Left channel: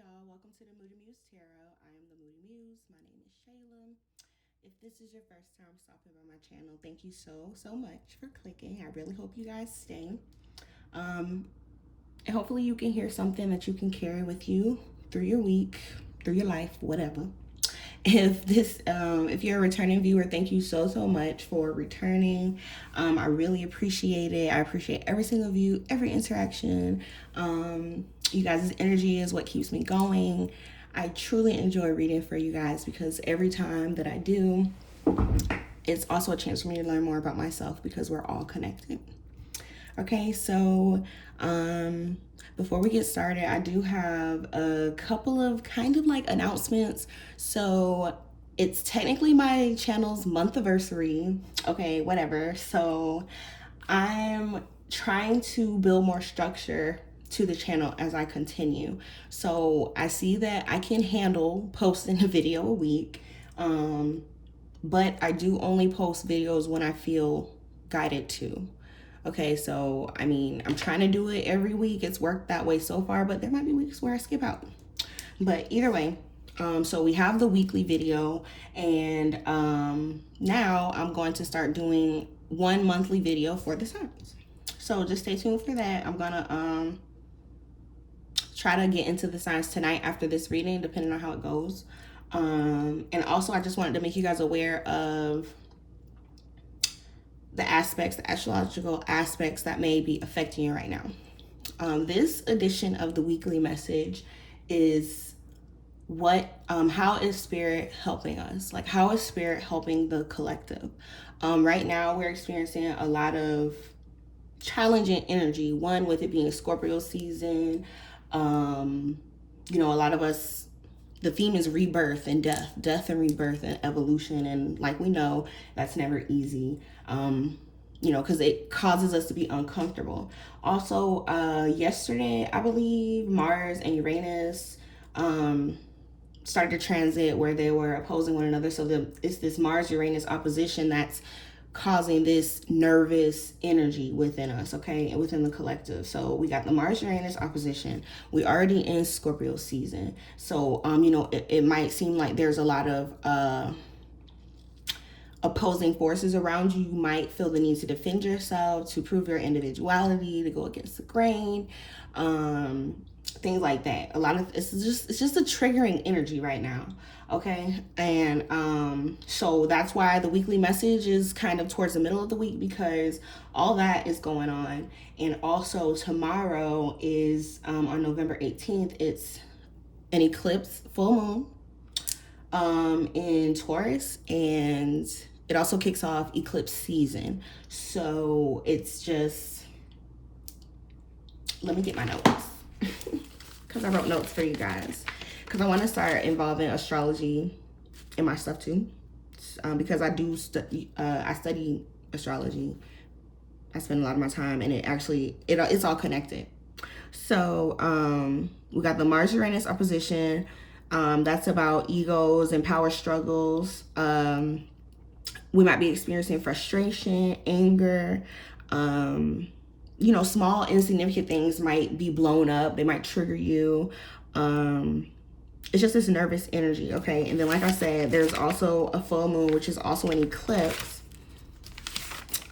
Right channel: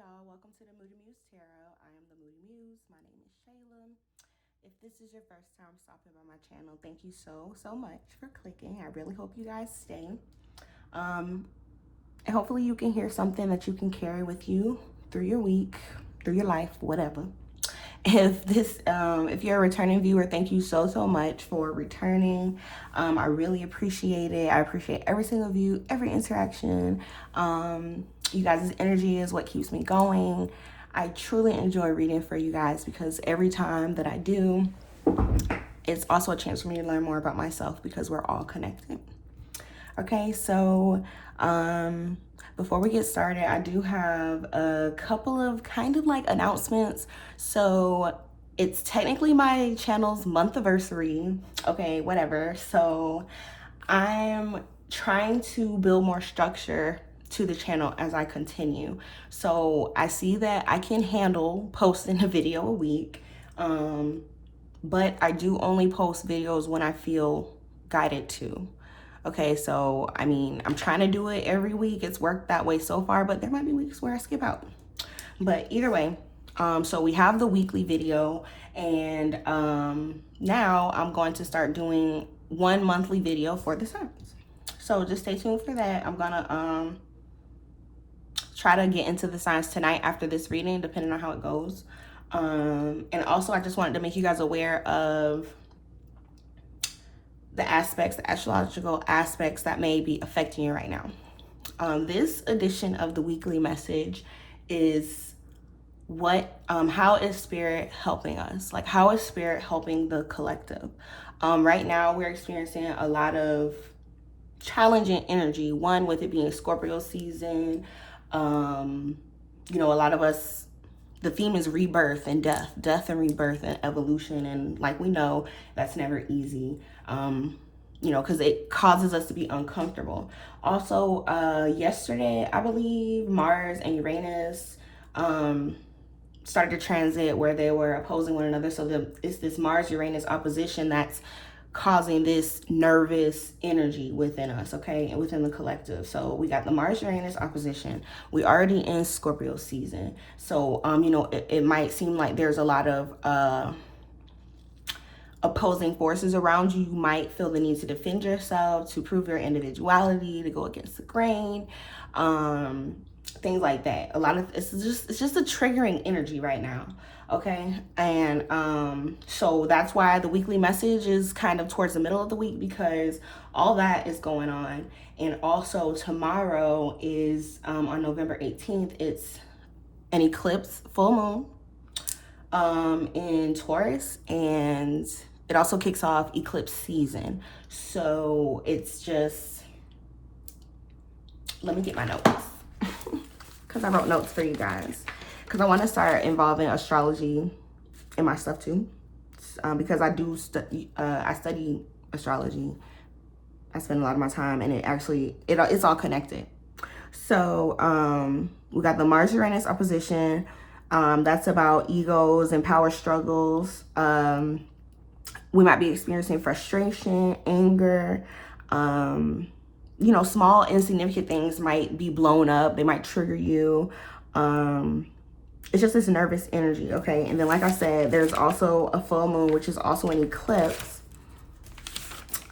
y'all. Welcome to the Moody Muse Tarot. I am the Moody Muse. My name is Shayla. If this is your first time stopping by my channel, thank you so much for clicking. I really hope you guys stay. And hopefully you can hear something that you can carry with you through your week, through your life, whatever. If you're a returning viewer, thank you so much for returning. I really appreciate it. I appreciate every single view, every interaction. You guys' energy is what keeps me going. I truly enjoy reading for you guys because every time that I do, it's also a chance for me to learn more about myself because we're all connected. Okay, so before we get started, I do have a couple of kind of like announcements. So it's technically my channel's month anniversary. Okay, whatever. So I'm trying to build more structure to the channel as I continue. So I see that I can handle posting a video a week, but I do only post videos when I feel guided to. Okay, so I mean, I'm trying to do it every week. It's worked that way so far, but there might be weeks where I skip out. But either way, so we have the weekly video, and now I'm going to start doing one monthly video for the signs. So just stay tuned for that. I'm gonna try to get into the signs tonight after this reading, depending on how it goes. And also, I just wanted to make you guys aware of the aspects, the astrological aspects that may be affecting you right now. This edition of the weekly message is how is spirit helping us? Like, how is spirit helping the collective? Right now, we're experiencing a lot of challenging energy. One, with it being Scorpio season. A lot of us, the theme is rebirth and death and rebirth and evolution. And like we know, that's never easy. Because it causes us to be uncomfortable. Also, yesterday, I believe Mars and Uranus started to transit where they were opposing one another. So it's this Mars-Uranus opposition that's causing this nervous energy within us, okay, and within the collective. So we got the Mars-Uranus opposition. We already in Scorpio season. So, it might seem like there's a lot of opposing forces around you. You might feel the need to defend yourself, to prove your individuality, to go against the grain, things like that. A lot of it's just a triggering energy right now, okay? And so that's why the weekly message is kind of towards the middle of the week, because all that is going on. And also tomorrow is on November 18th, it's an eclipse full moon in Taurus, and it also kicks off eclipse season. So it's just, let me get my notes because I wrote notes for you guys, because I want to start involving astrology in my stuff too, because I do I study astrology. I spend a lot of my time, and it's all connected. So we got the Mars-Uranus opposition. That's about egos and power struggles. We might be experiencing frustration, anger. Small insignificant things might be blown up. They might trigger you. It's just this nervous energy, okay? And then, like I said, there's also a full moon, which is also an eclipse.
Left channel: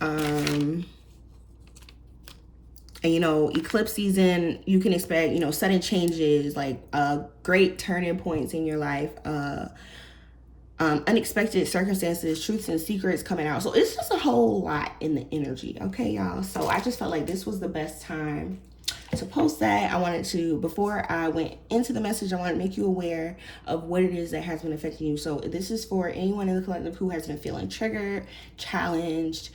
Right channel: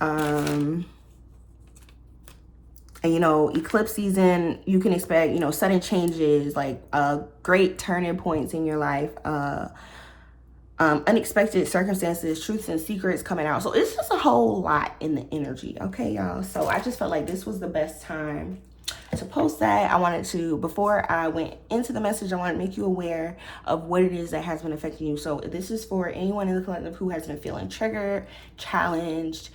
And, eclipse season, you can expect, sudden changes, like great turning points in your life, unexpected circumstances, truths and secrets coming out. So it's just a whole lot in the energy, okay, y'all? So I just felt like this was the best time to post that. I wanted to, before I went into the message, I wanted to make you aware of what it is that has been affecting you. So this is for anyone in the collective who has been feeling triggered, challenged,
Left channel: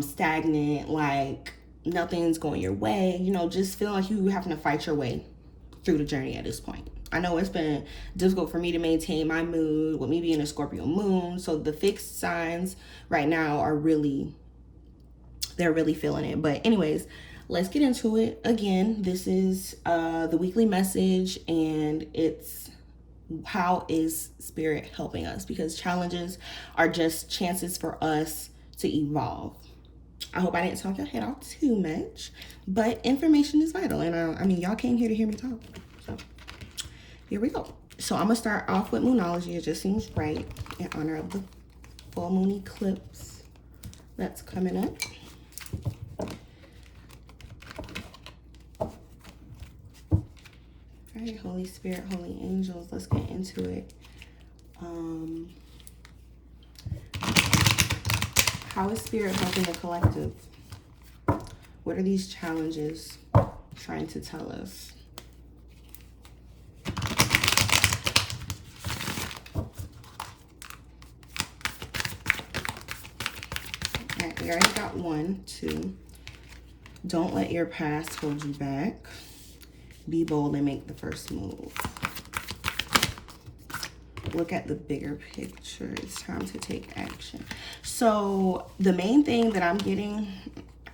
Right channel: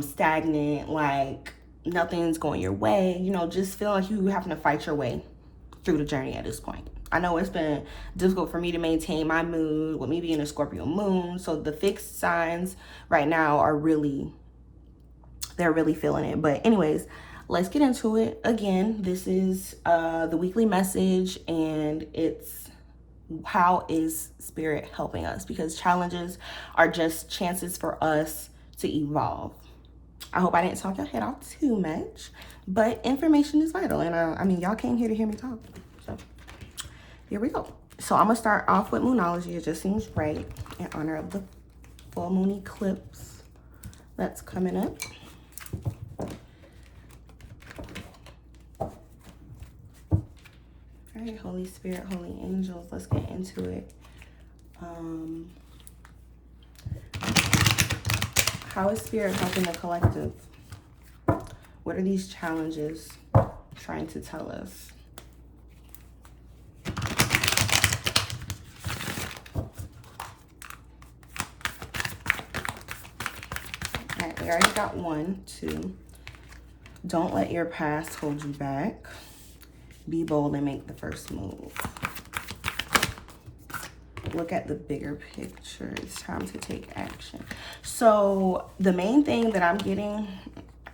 stagnant, like nothing's going your way, just feeling like you having to fight your way through the journey at this point. I know it's been difficult for me to maintain my mood with me being a Scorpio moon. So the fixed signs right now they're really feeling it. But anyways, let's get into it. Again, this is the weekly message, and it's how is spirit helping us, because challenges are just chances for us to evolve. I hope I didn't talk your head off too much, but information is vital, and I mean, y'all came here to hear me talk. So here we go. So I'm gonna start off with Moonology. It just seems right in honor of the full moon eclipse that's coming up. All right, Holy Spirit, Holy Angels, let's get into it. How is Spirit helping the collective? What are these challenges trying to tell us? All right, we already got 1, 2. Don't let your past hold you back. Be bold and make the first move. Look at the bigger picture. It's time to take action. So the main thing that I'm getting,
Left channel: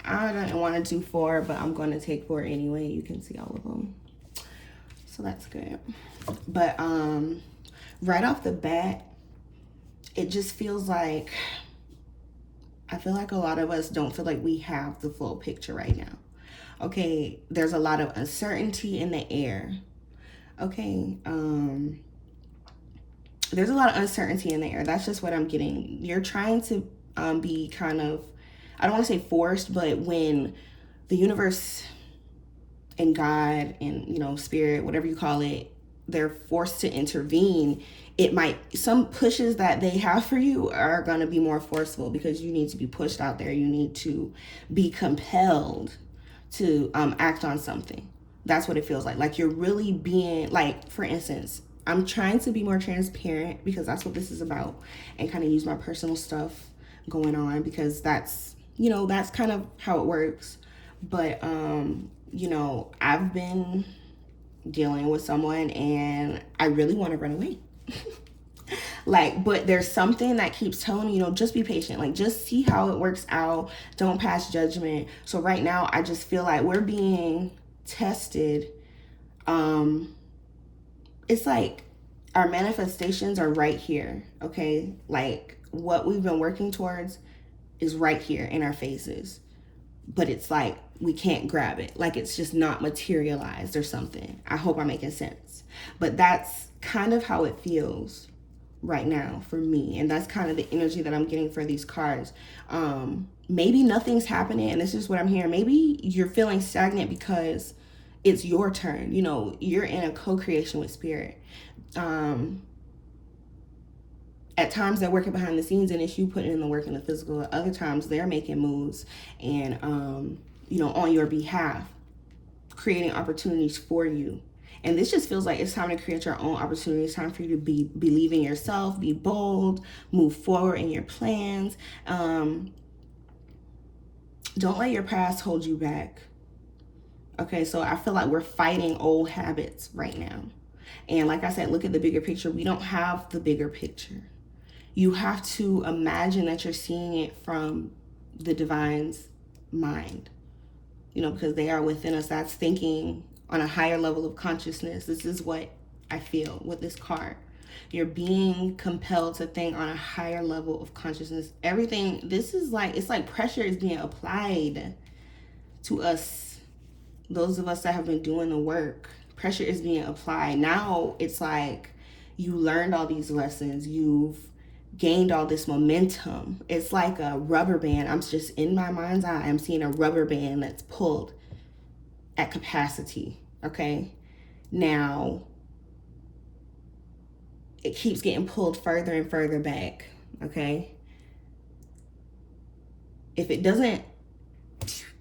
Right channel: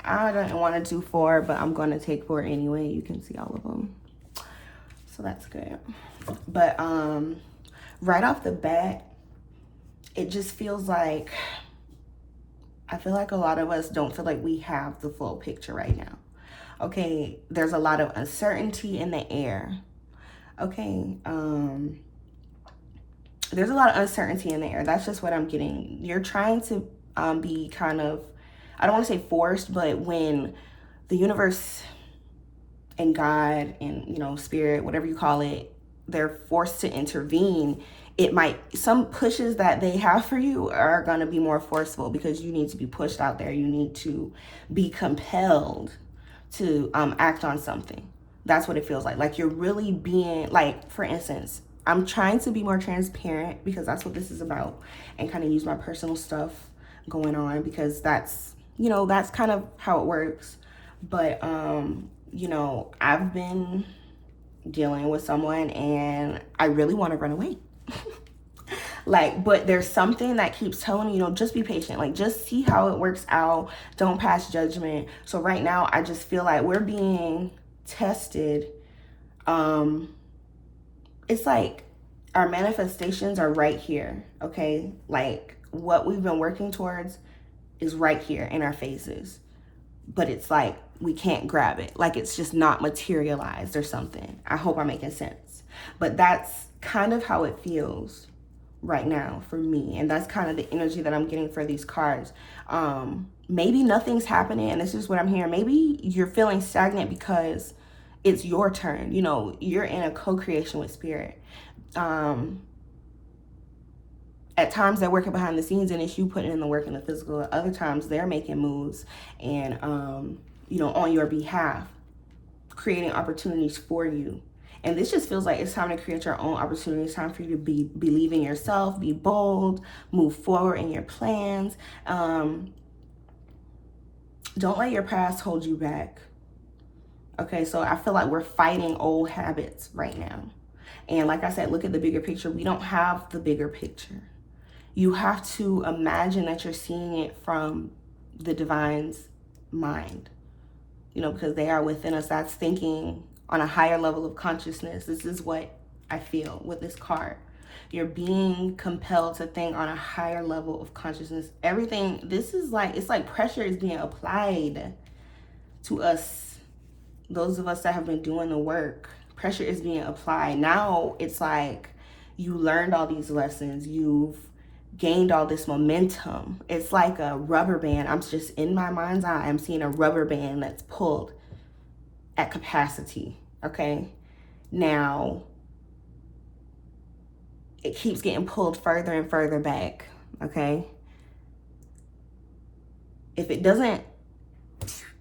I don't want to do 4, but I'm going to take 4 anyway. You can see all of them. So that's good. But right off the bat, it just feels like, I feel like a lot of us don't feel like we have the full picture right now. Okay, there's a lot of uncertainty in the air. Okay, there's a lot of uncertainty in the air. That's just what I'm getting. You're trying to be kind of, I don't want to say forced, but when the universe and God and, you know, spirit, whatever you call it, they're forced to intervene, it might, some pushes that they have for you are going to be more forceful because you need to be pushed out there. You need to be compelled to act on something. That's what it feels like. Like you're really being, like, for instance, I'm trying to be more transparent because that's what this is about, and kind of use my personal stuff going on because that's, you know, that's kind of how it works. But, you know, I've been dealing with someone and I really want to run away. Like, but there's something that keeps telling me, you know, just be patient. Like, just see how it works out. Don't pass judgment. So right now, I just feel like we're being tested. It's like our manifestations are right here, okay? Like, what we've been working towards is right here in our faces. But it's like we can't grab it. Like, it's just not materialized or something. I hope I'm making sense. But that's kind of how it feels right now for me, and that's kind of the energy that I'm getting for these cards. Maybe nothing's happening, and this is what I'm hearing. Maybe you're feeling stagnant because it's your turn. You know, you're in a co-creation with spirit. At times they're working behind the scenes and it's you putting in the work in the physical. Other times they're making moves and you know, on your behalf, creating opportunities for you. And this just feels like it's time to create your own opportunity. It's time for you to believe in yourself, be bold, move forward in your plans. Don't let your past hold you back. Okay, so I feel like we're fighting old habits right now. And like I said, look at the bigger picture. We don't have the bigger picture. You have to imagine that you're seeing it from the divine's mind, you know, because they are within us. That's thinking on a higher level of consciousness. This is what I feel with this card. You're being compelled to think on a higher level of consciousness. Everything, this is like, it's like pressure is being applied to us, those of us that have been doing the work. Pressure is being applied. Now it's like you learned all these lessons. You've gained all this momentum. It's like a rubber band. I'm just, in my mind's eye, I'm seeing a rubber band that's pulled at capacity. Okay, now it keeps getting pulled further and further back. Okay, if it doesn't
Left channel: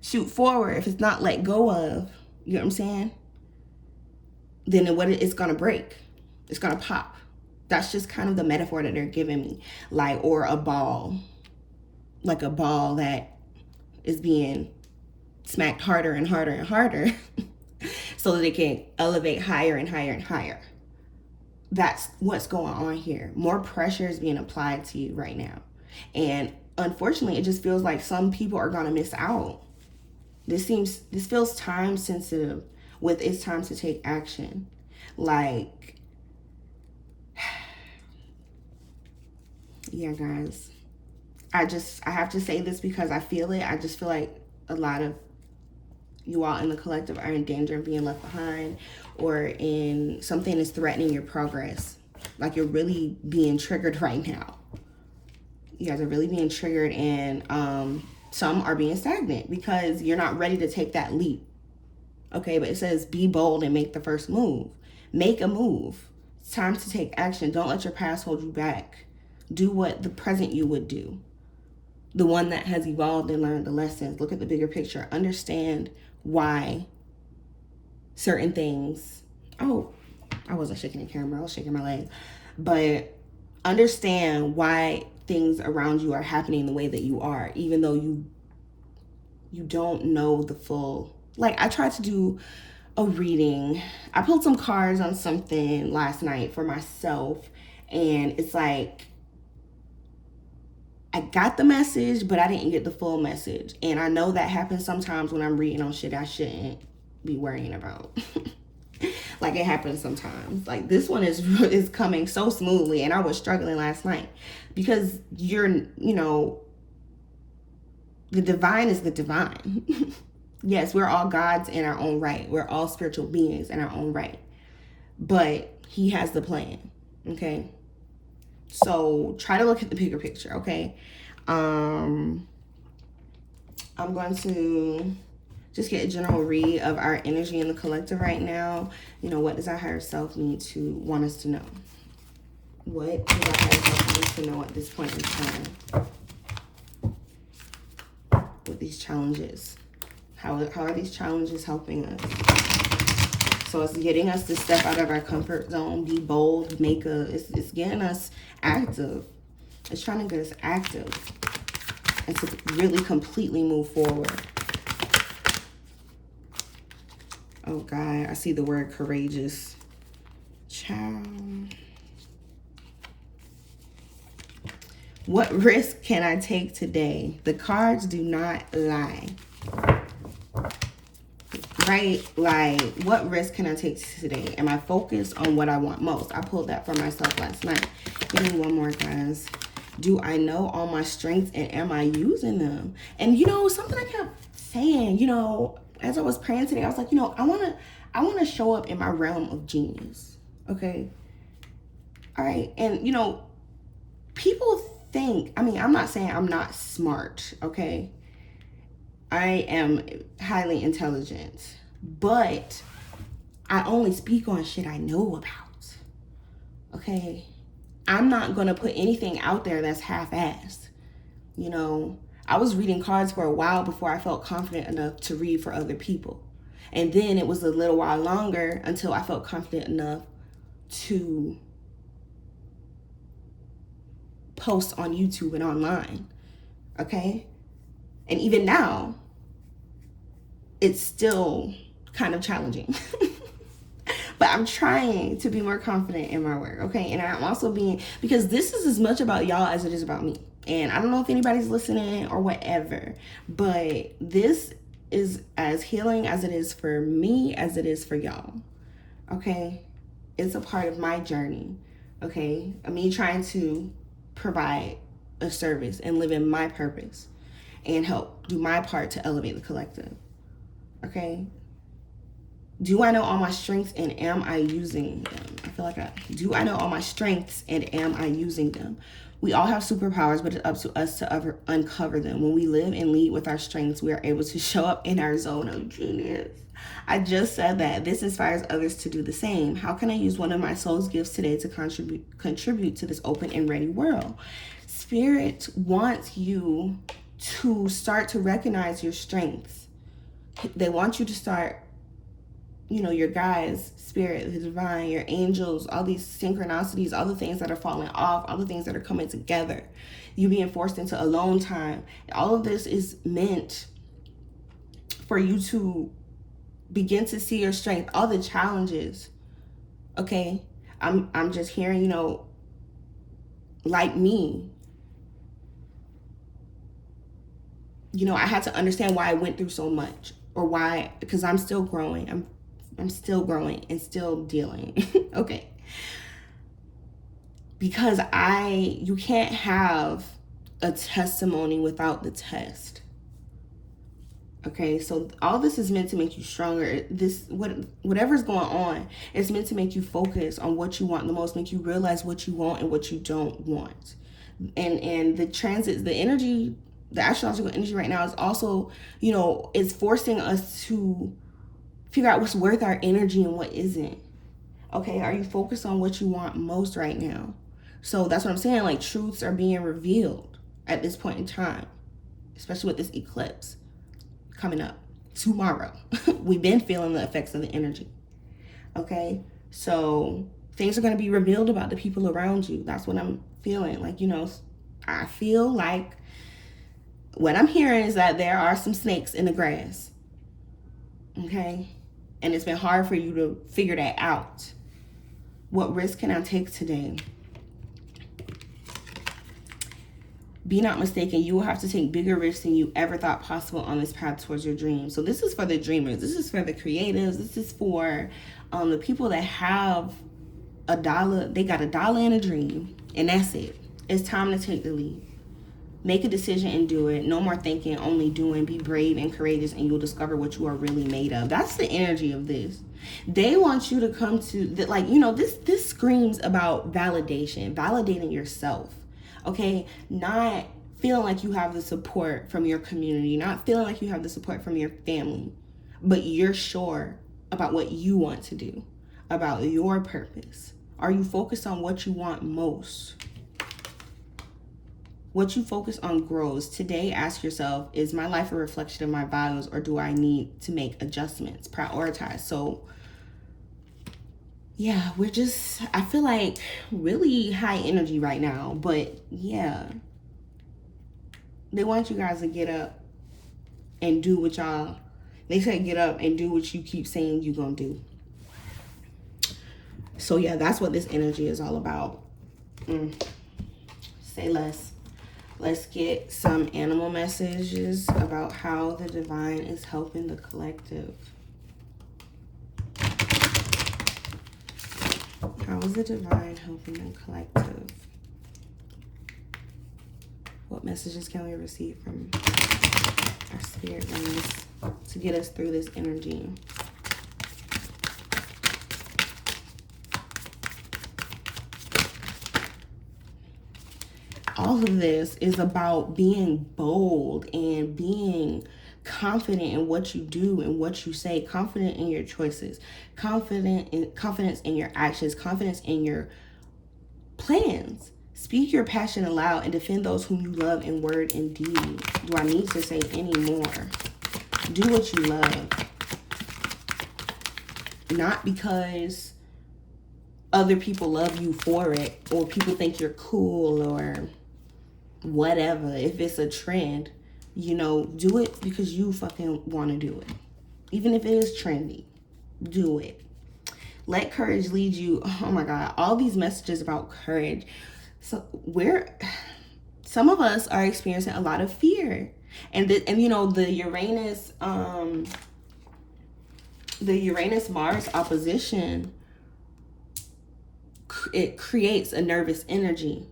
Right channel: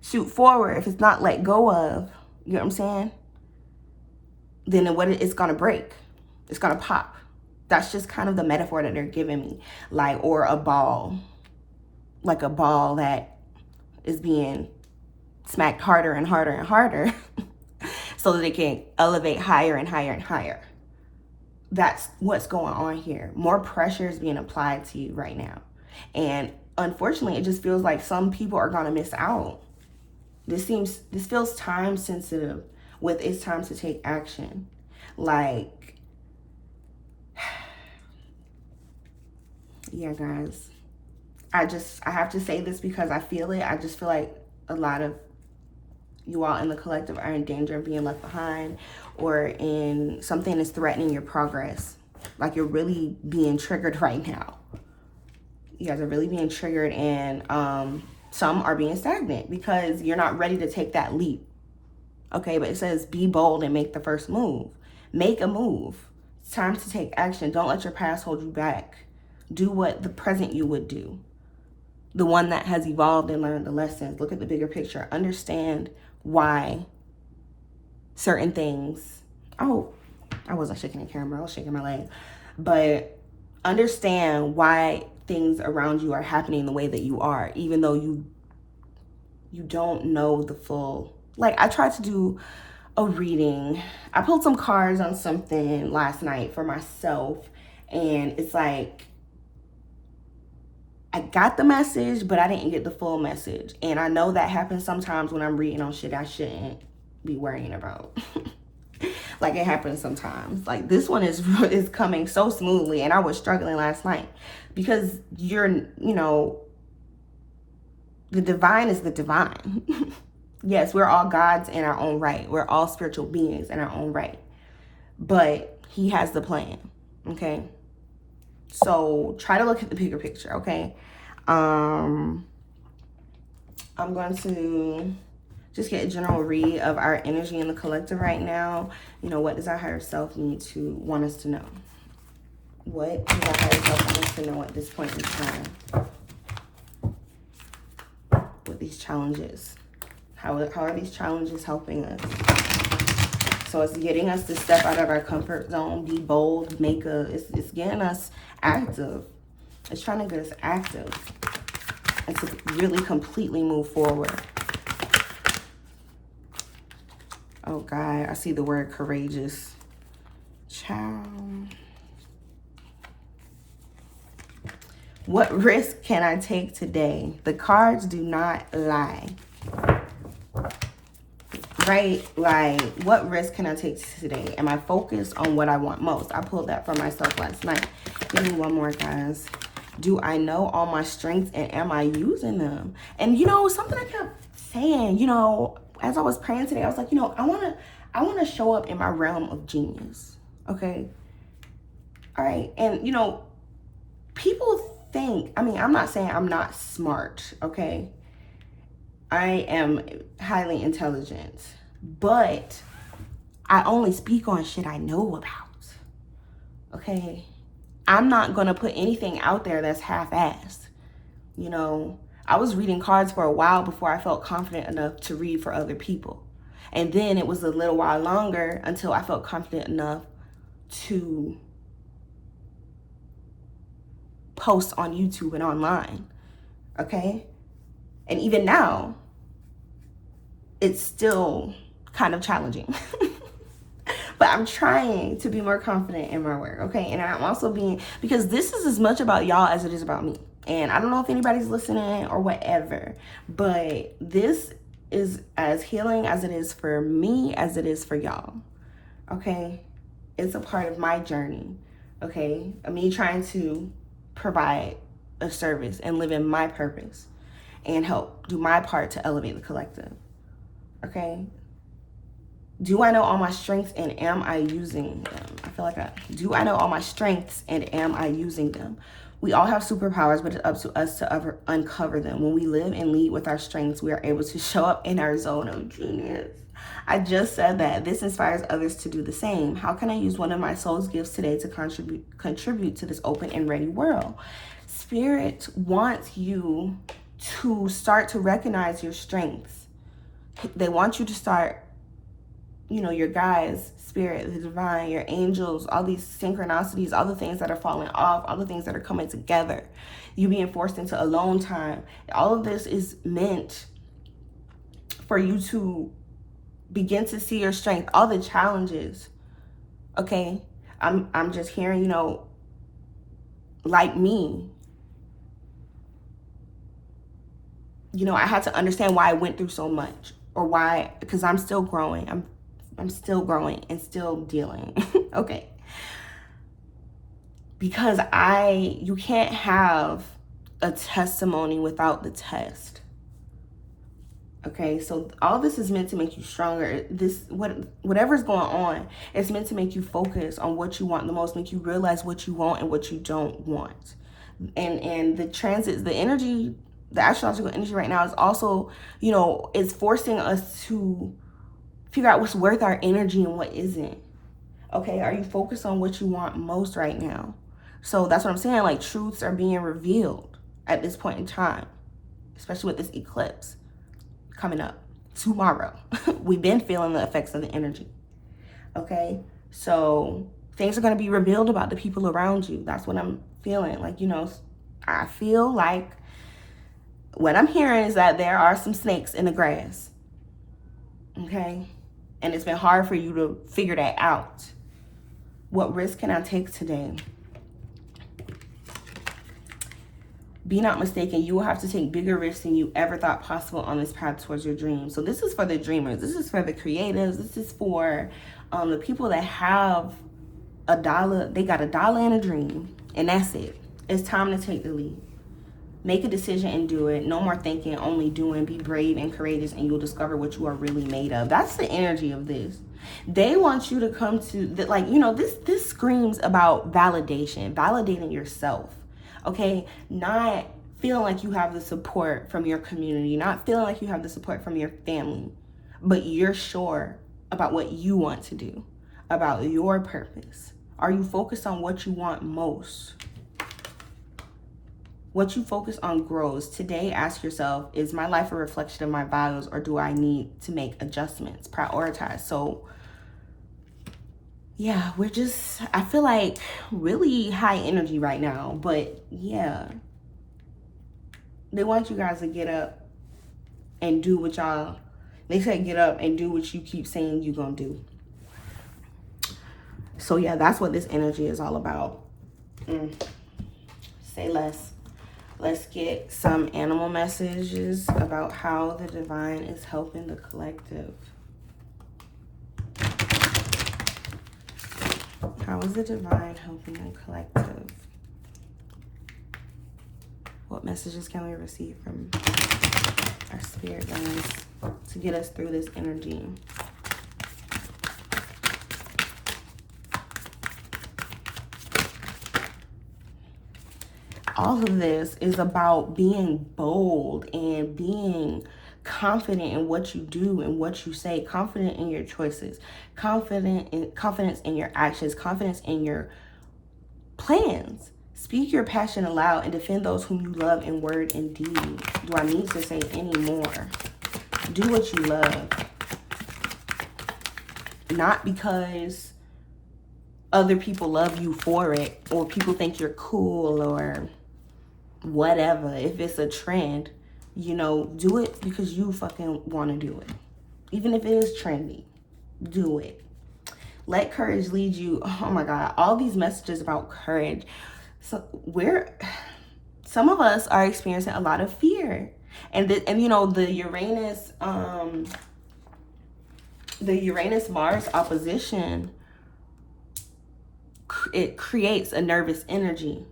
shoot forward, if it's not let go of, you know what I'm saying, then what it's gonna break, it's gonna pop. That's just kind of the metaphor that they're giving me. Like, or a ball, like a ball that is being smacked harder and harder and harder so that it can elevate higher and higher and higher. That's what's going on here. More pressure is being applied to you right now. And unfortunately, it just feels like some people are going to miss out. This feels time sensitive with it's time to take action. Like, yeah, guys, I have to say this because I feel it. I just feel like a lot of you all in the collective are in danger of being left behind, or in something is threatening your progress. Like, you're really being triggered right now. You guys are really being triggered, and some are being stagnant because you're not ready to take that leap. Okay, but it says be bold and make the first move. Make a move. It's time to take action. Don't let your past hold you back. Do what the present you would do. The one that has evolved and learned the lessons. Look at the bigger picture. Understand why certain things. Oh, I wasn't shaking the camera. I was shaking my leg. But understand why things around you are happening the way that you are, even though you don't know the full. Like, I tried to do a reading. I pulled some cards on something last night for myself, and it's like I got the message, but I didn't get the full message. And I know that happens sometimes when I'm reading on shit I shouldn't be worrying about. Like, it happens sometimes. Like, this one is coming so smoothly, and I was struggling last night because the divine is the divine. Yes, we're all gods in our own right. We're all spiritual beings in our own right. But he has the plan, okay? So try to look at the bigger picture, okay? I'm going to just get a general read of our energy in the collective right now. What does our higher self want us to know? What does our higher self want us to know at this point in time? With these challenges. How are these challenges helping us? So it's getting us to step out of our comfort zone, be bold, it's getting us active. It's trying to get us active and to really completely move forward. Oh God, I see the word courageous. Child. What risk can I take today? The cards do not lie. Right? Like, what risk can I take today? Am I focused on what I want most? I pulled that for myself last night. Give me one more, guys. Do I know all my strengths, and am I using them? And something I kept saying, as I was praying today, I was like, I want to show up in my realm of genius. Okay? All right. And people think, I'm not saying I'm not smart, okay? I am highly intelligent, but I only speak on shit I know about, okay? I'm not going to put anything out there that's half-assed. I was reading cards for a while before I felt confident enough to read for other people. And then it was a little while longer until I felt confident enough to post on YouTube and online, okay? And even now, it's still kind of challenging. But I'm trying to be more confident in my work, okay? And I'm also because this is as much about y'all as it is about me. And I don't know if anybody's listening or whatever, but this is as healing as it is for me as it is for y'all, okay? It's a part of my journey, okay? Me trying to provide a service and live in my purpose and help do my part to elevate the collective, okay? Do I know all my strengths, and am I using them? I feel like do I know all my strengths, and am I using them? We all have superpowers, but it's up to us to uncover them. When we live and lead with our strengths, we are able to show up in our zone of genius. I just said that. This inspires others to do the same. How can I use one of my soul's gifts today to contribute to this open and ready world? Spirit wants you to start to recognize your strengths. They want you to start, your guides, spirit, the divine, your angels, all these synchronicities, all the things that are falling off, all the things that are coming together, you being forced into alone time. All of this is meant for you to begin to see your strength, all the challenges, okay? I'm just hearing, like me, I had to understand why I went through so much, or why, because I'm still growing. I'm still growing and still dealing, okay? Because you can't have a testimony without the test. Okay, so all this is meant to make you stronger. Whatever's going on, it's meant to make you focus on what you want the most, make you realize what you want and what you don't want. And the transits, the energy, the astrological energy right now is also, it's forcing us to figure out what's worth our energy and what isn't. Okay, are you focused on what you want most right now? So that's what I'm saying. Like, truths are being revealed at this point in time, especially with this eclipse coming up tomorrow. We've been feeling the effects of the energy. Okay, so things are going to be revealed about the people around you. That's what I'm feeling. Like, I feel like what I'm hearing is that there are some snakes in the grass. Okay, and it's been hard for you to figure that out. What risk can I take today? Be not mistaken, you will have to take bigger risks than you ever thought possible on this path towards your dreams. So this is for the dreamers. This is for the creatives. This is for the people that have $1. They got $1 and a dream, and that's it. It's time to take the lead. Make a decision and do it. No more thinking, only doing. Be brave and courageous, and you'll discover what you are really made of. That's the energy of this. They want you to come to this screams about validation, validating yourself. Okay, not feeling like you have the support from your community, not feeling like you have the support from your family, but you're sure about what you want to do, about your purpose. Are you focused on what you want most? What you focus on grows. Today, ask yourself, is my life a reflection of my values, or do I need to make adjustments, prioritize? So yeah, I feel like really high energy right now, but yeah, they want you guys to get up and do what they say get up and do what you keep saying you're gonna do. So yeah, that's what this energy is all about. Say less. Let's get some animal messages about how the divine is helping the collective. How is the divine helping the collective? What messages can we receive from our spirit guides to get us through this energy? All of this is about being bold and being confident in what you do and what you say, confident in your choices, confidence in your actions, confidence in your plans. Speak your passion aloud and defend those whom you love in word and deed. Do I need to say any more? Do what you love. Not because other people love you for it, or people think you're cool, or whatever. If it's a trend, do it because you fucking want to do it. Even if it is trendy, do it. Let courage lead you. Oh my God, all these messages about courage. So some of us are experiencing a lot of fear, and the Uranus Mars opposition, it creates a nervous energy.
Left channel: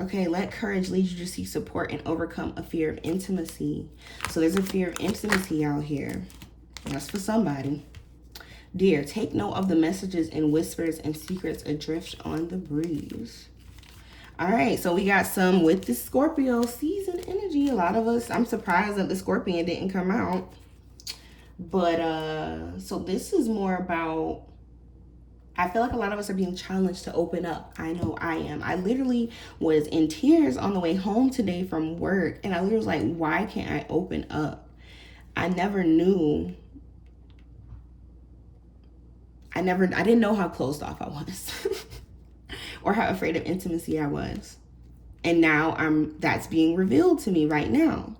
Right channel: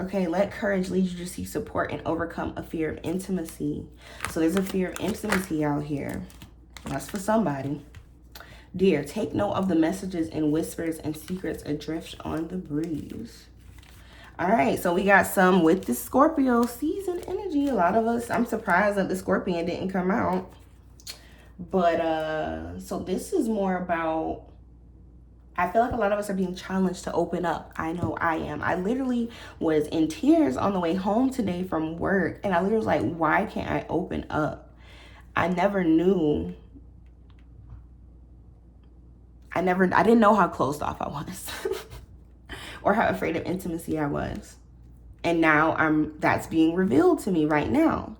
Okay, let courage lead you to seek support and overcome a fear of intimacy. So there's a fear of intimacy out here. That's for somebody. Dear, take note of the messages and whispers and secrets adrift on the breeze. All right, so we got some with the Scorpio season energy. A lot of us, I'm surprised that the Scorpion didn't come out. But, so this is more about, I feel like a lot of us are being challenged to open up. I know I am. I literally was in tears on the way home today from work. And I literally was like, why can't I open up? I didn't know how closed off I was or how afraid of intimacy I was. And now that's being revealed to me right now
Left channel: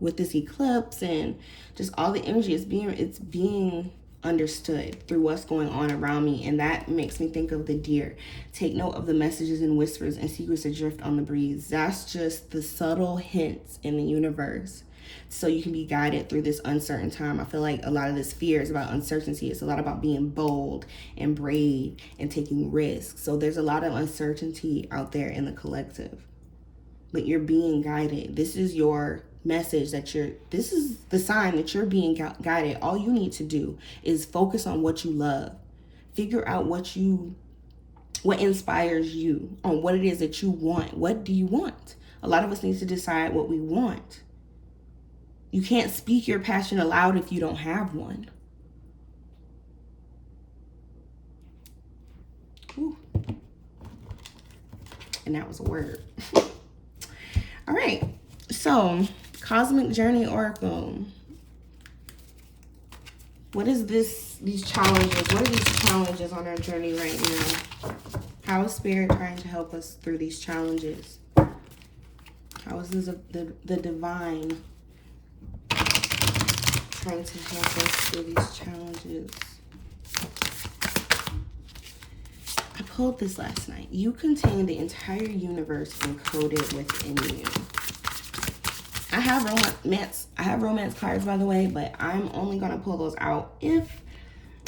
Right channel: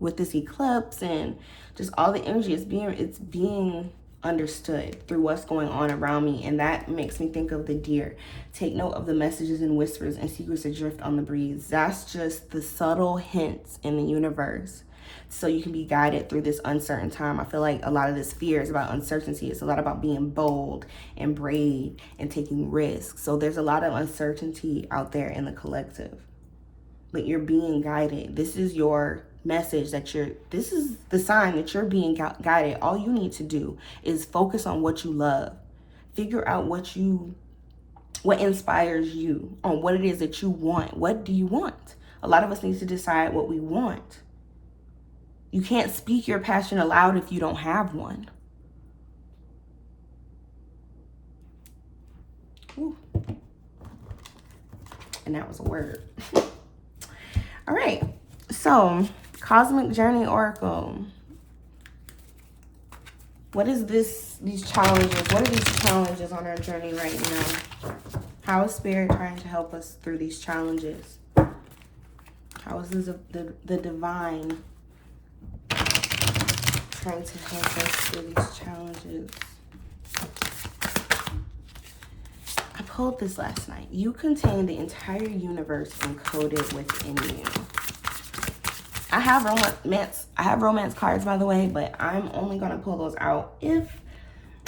with this eclipse and just all the energy. It's being understood through what's going on around me, and that makes me think of the deer. Take note of the messages and whispers and secrets adrift on the breeze. That's just the subtle hints in the universe, so you can be guided through this uncertain time. I feel like a lot of this fear is about uncertainty. It's a lot about being bold and brave and taking risks. So there's a lot of uncertainty out there in the collective, but you're being guided. This is your message that this is the sign that you're being guided. All you need to do is focus on what you love. Figure out what inspires you, on what it is that you want. What do you want? A lot of us need to decide what we want. You can't speak your passion aloud if you don't have one. Ooh. And that was a word. All right. So, Cosmic Journey Oracle. What is these challenges? What are these challenges on our journey right now? How is Spirit trying to help us through these challenges? How is the divine trying to help us through these challenges? I pulled this last night. You contain the entire universe encoded within you. I have romance cards, by the way, but I'm only going to pull those out if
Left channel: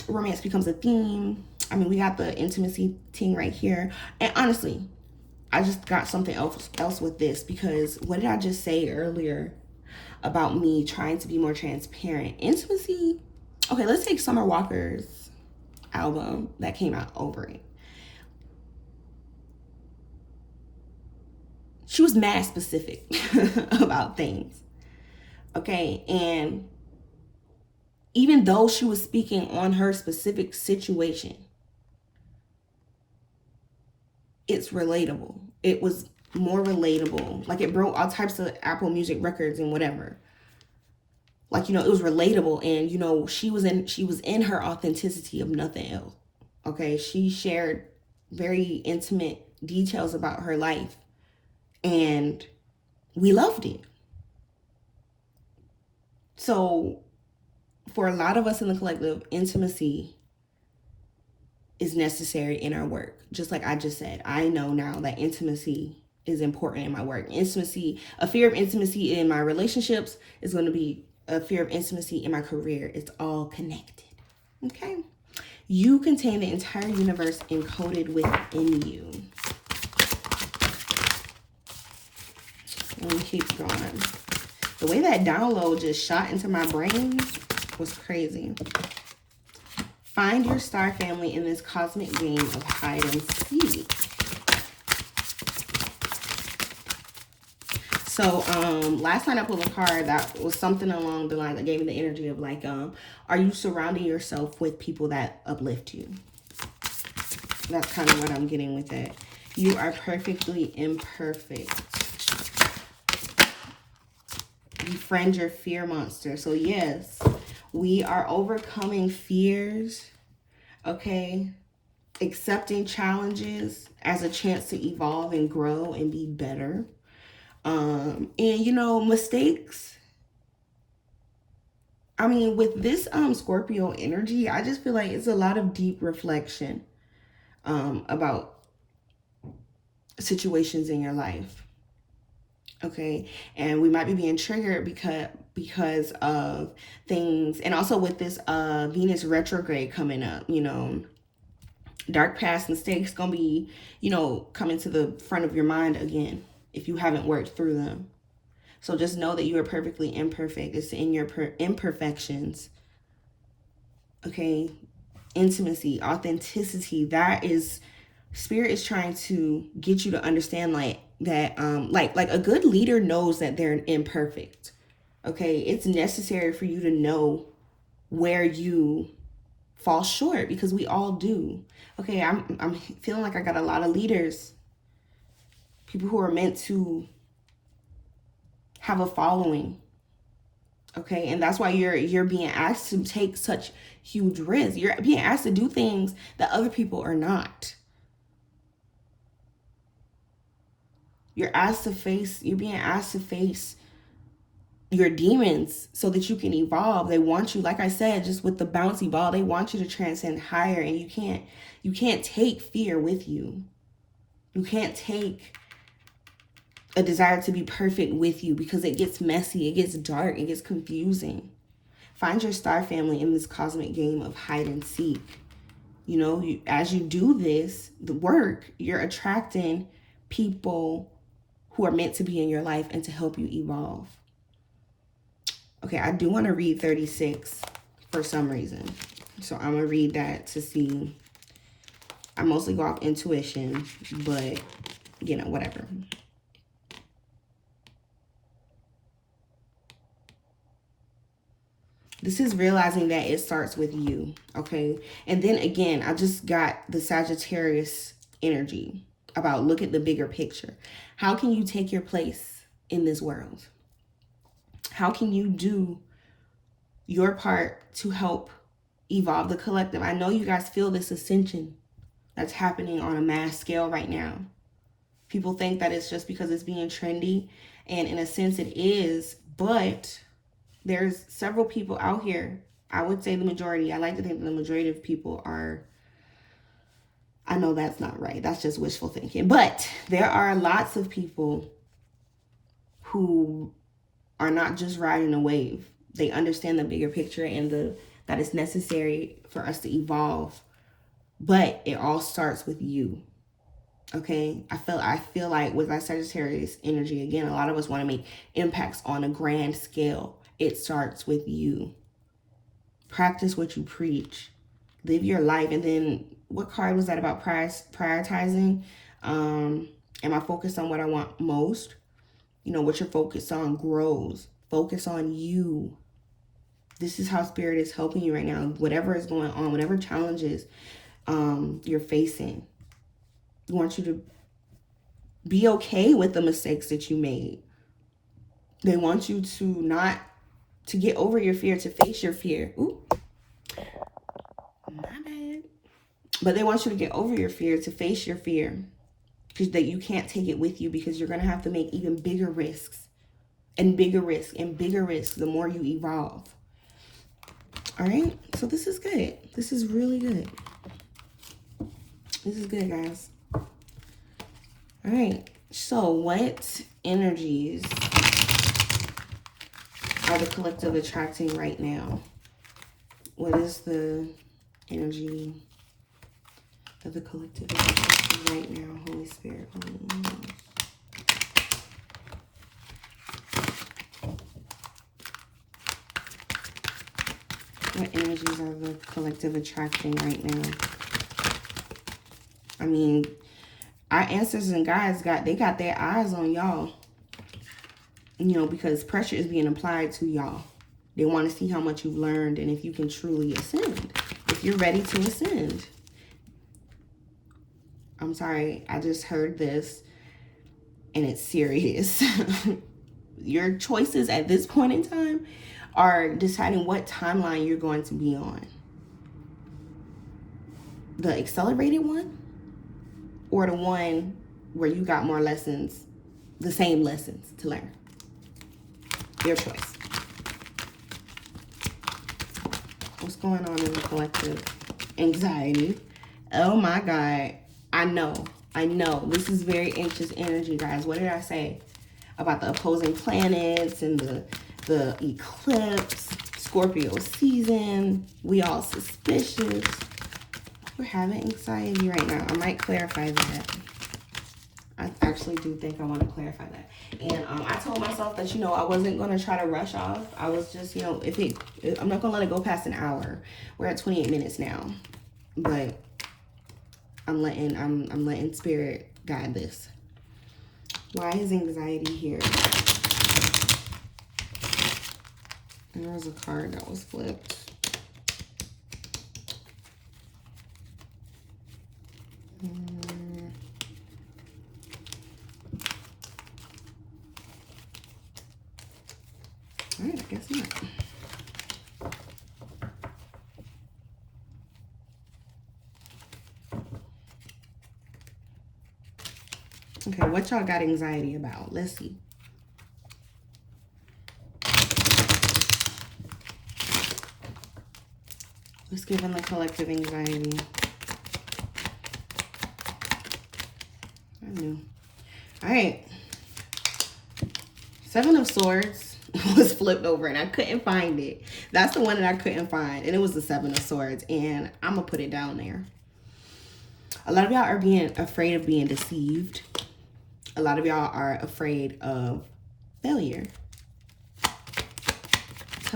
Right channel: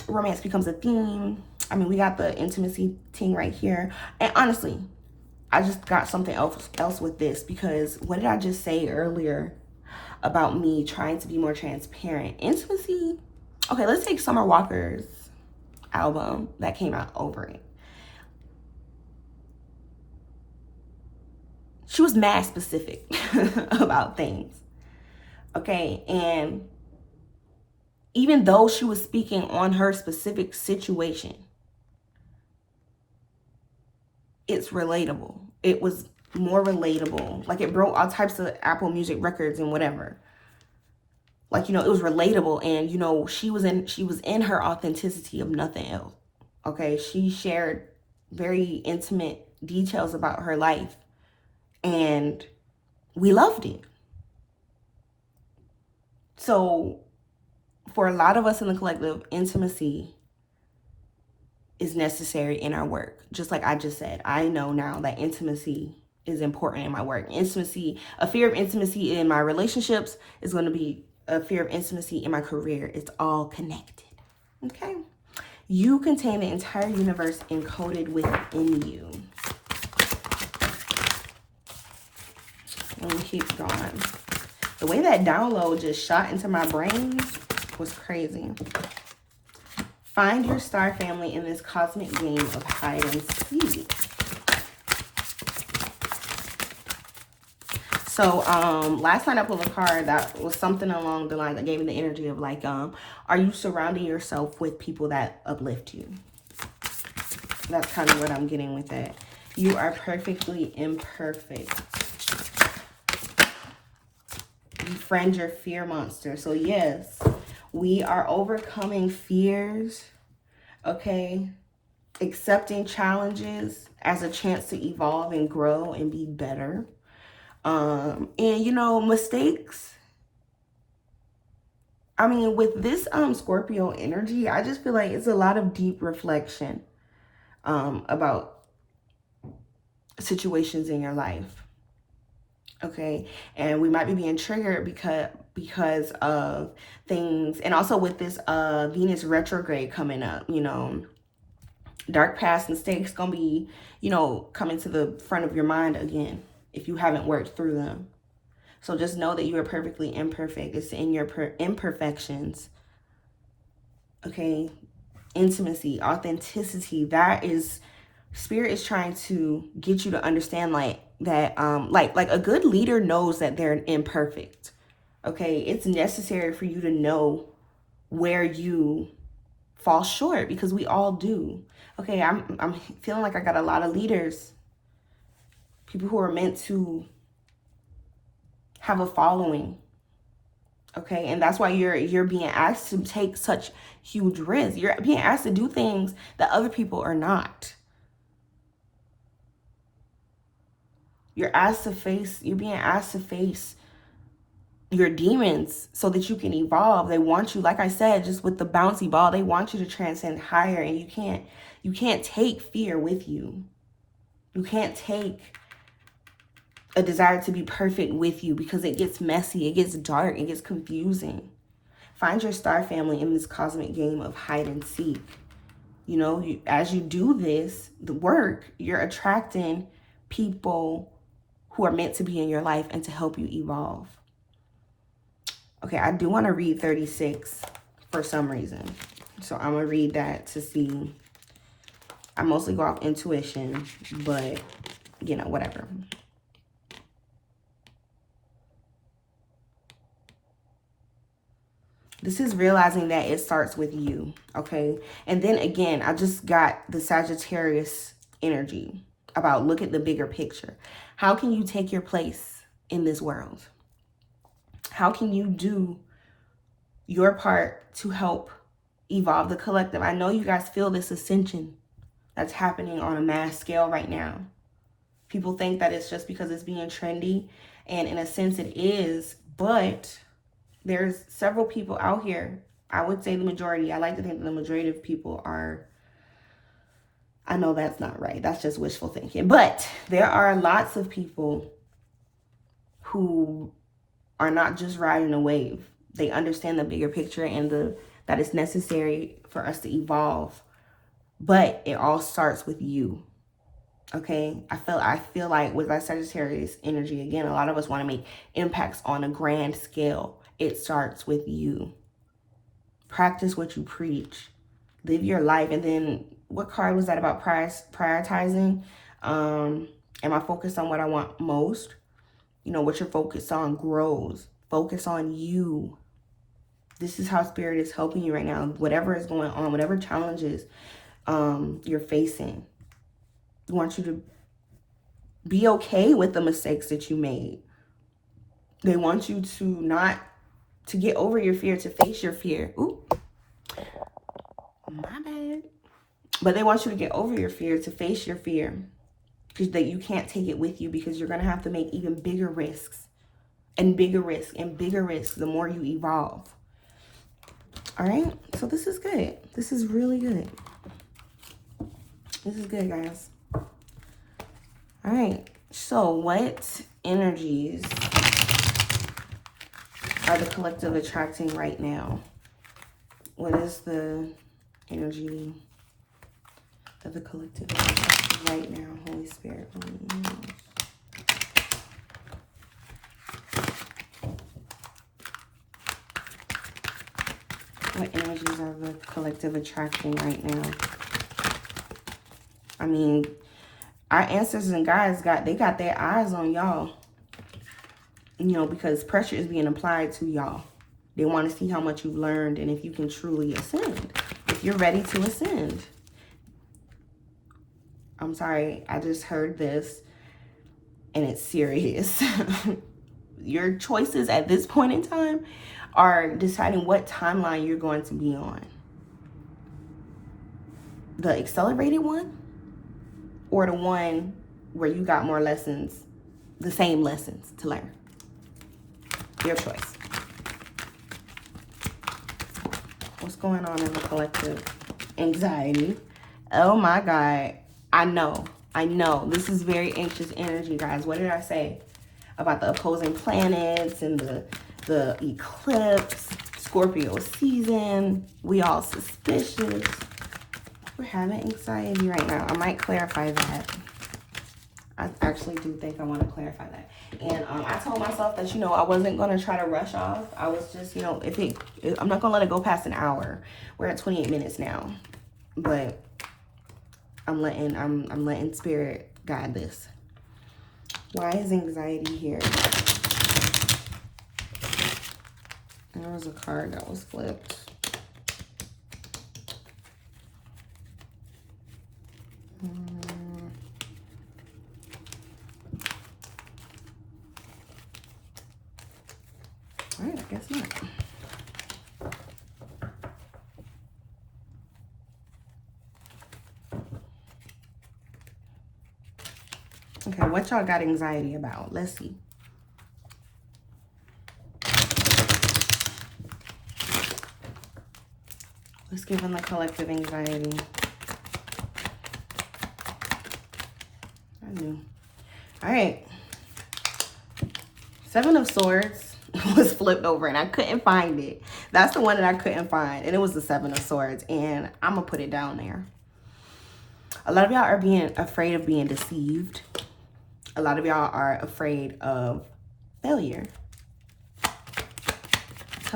romance becomes a theme. I mean, we got the intimacy thing right here. And honestly, I just got something else with this, because what did I just say earlier about me trying to be more transparent? Intimacy. Okay, let's take Summer Walker's album that came out, Over It. She was mad specific about things. Okay, and even though she was speaking on her specific situation, it's relatable. It was more relatable. Like, it broke all types of Apple Music records and whatever. Like, it was relatable, and she was in her authenticity of nothing else. Okay, she shared very intimate details about her life, and we loved it. So for a lot of us in the collective, intimacy is necessary in our work. Just like I just said, I know now that intimacy is important in my work. Intimacy, a fear of intimacy in my relationships is going to be a fear of intimacy in my career. It's all connected. Okay? You contain the entire universe encoded within you. Let me keep going. The way that download just shot into my brain was crazy. Find your star family in this cosmic game of hide and seek. So last night I pulled a card that was something along the line that gave me the energy of like, are you surrounding yourself with people that uplift you? That's kind of what I'm getting with that. You are perfectly imperfect. Befriend your fear monster. So yes, we are overcoming fears, okay? Accepting challenges as a chance to evolve and grow and be better. And mistakes. I mean, with this Scorpio energy, I just feel like it's a lot of deep reflection about situations in your life. Okay, and we might be being triggered because of things, and also with this Venus retrograde coming up, dark past mistakes gonna be, coming to the front of your mind again if you haven't worked through them. So just know that you are perfectly imperfect. It's in your imperfections. Okay, intimacy, authenticity. That is, Spirit is trying to get you to understand that like a good leader knows that they're imperfect. Okay, it's necessary for you to know where you fall short, because we all do. Okay, I'm feeling like I got a lot of leaders, people who are meant to have a following. Okay, and that's why you're being asked to take such huge risks. You're being asked to do things that other people are not. You're being asked to face your demons so that you can evolve. They want you, like I said, just with the bouncy ball, they want you to transcend higher, and you can't take fear with you. You can't take a desire to be perfect with you, because it gets messy, it gets dark, it gets confusing. Find your star family in this cosmic game of hide and seek. As you do this, the work, you're attracting people who are meant to be in your life and to help you evolve. Okay, I do want to read 36 for some reason. So I'm going to read that to see. I mostly go off intuition, but, you know, whatever. This is realizing that it starts with you, okay? And then again, I just got the Sagittarius energy about look at the bigger picture. How can you take your place in this world? How can you do your part to help evolve the collective? I know you guys feel this ascension that's happening on a mass scale right now. People think that it's just because it's being trendy, and in a sense it is, but there's several people out here. I would say the majority. I like to think the majority of people are, I know that's not right. That's just wishful thinking. But there are lots of people who are not just riding a wave. They understand the bigger picture and that it's necessary for us to evolve. But it all starts with you. Okay, I feel like with our Sagittarius energy, again, a lot of us want to make impacts on a grand scale. It starts with you. Practice what you preach. Live your life. And then what card was that about prioritizing? Am I focused on what I want most? You know, what you're focused on grows. Focus on you. This is how Spirit is helping you right now. Whatever is going on, whatever challenges you're facing, I want you to be okay with the mistakes that you made. They want you to get over your fear, to face your fear. Ooh, my bad. But they want you to get over your fear, to face your fear. Because that you can't take it with you, because you're going to have to make even bigger risks. And bigger risks and bigger risks the more you evolve. All right? So this is good. This is really good. This is good, guys. All right, so what energies are the collective attracting right now? What is the energy of the collective attracting right now? Holy Spirit, what energies are the collective attracting right now? I mean, our ancestors and guides they got their eyes on y'all. You know, because pressure is being applied to y'all. They want to see how much you've learned and if you can truly ascend. If you're ready to ascend. I'm sorry, I just heard this and it's serious. Your choices at this point in time are deciding what timeline you're going to be on. The accelerated one, or the one where you got more lessons, the same lessons to learn. Your choice. What's going on in the collective? Anxiety. Oh my God. I know. This is very anxious energy, guys. What did I say about the opposing planets and the eclipse, Scorpio season? We all suspicious. We're having anxiety right now. I might clarify that. I actually do think I want to clarify that. And I told myself that, you know, I wasn't going to try to rush off. I was just, you know, I'm not going to let it go past an hour. We're at 28 minutes now. But I'm letting Spirit guide this. Why is anxiety here? There was a card that was flipped. All right, I guess not. Okay, what y'all got anxiety about? Let's see. Let's give them the collective anxiety. I knew. All right. 7 of Swords was flipped over and I couldn't find it. That's the one that I couldn't find. And it was the 7 of Swords. And I'm going to put it down there. A lot of y'all are being afraid of being deceived. A lot of y'all are afraid of failure.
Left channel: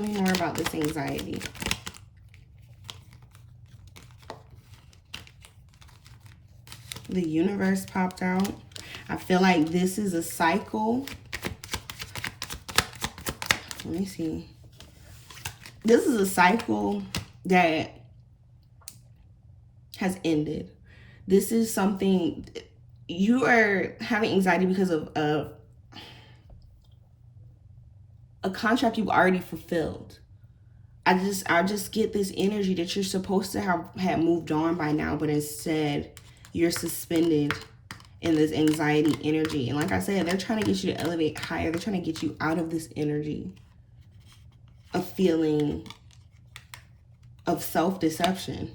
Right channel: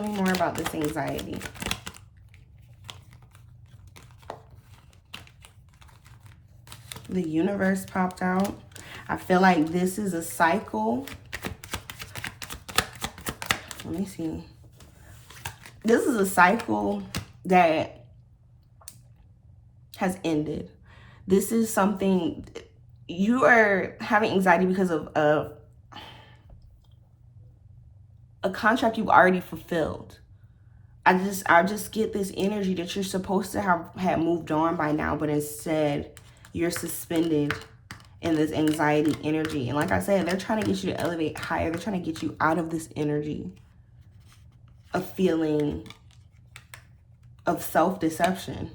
Tell me more about this anxiety. The universe popped out. I feel like this is a cycle. Let me see. This is a cycle that has ended. This is something, you are having anxiety because of a contract you've already fulfilled. I just get this energy that you're supposed to have moved on by now, but instead you're suspended in this anxiety energy. And like I said, they're trying to get you to elevate higher. They're trying to get you out of this energy of feeling of self-deception.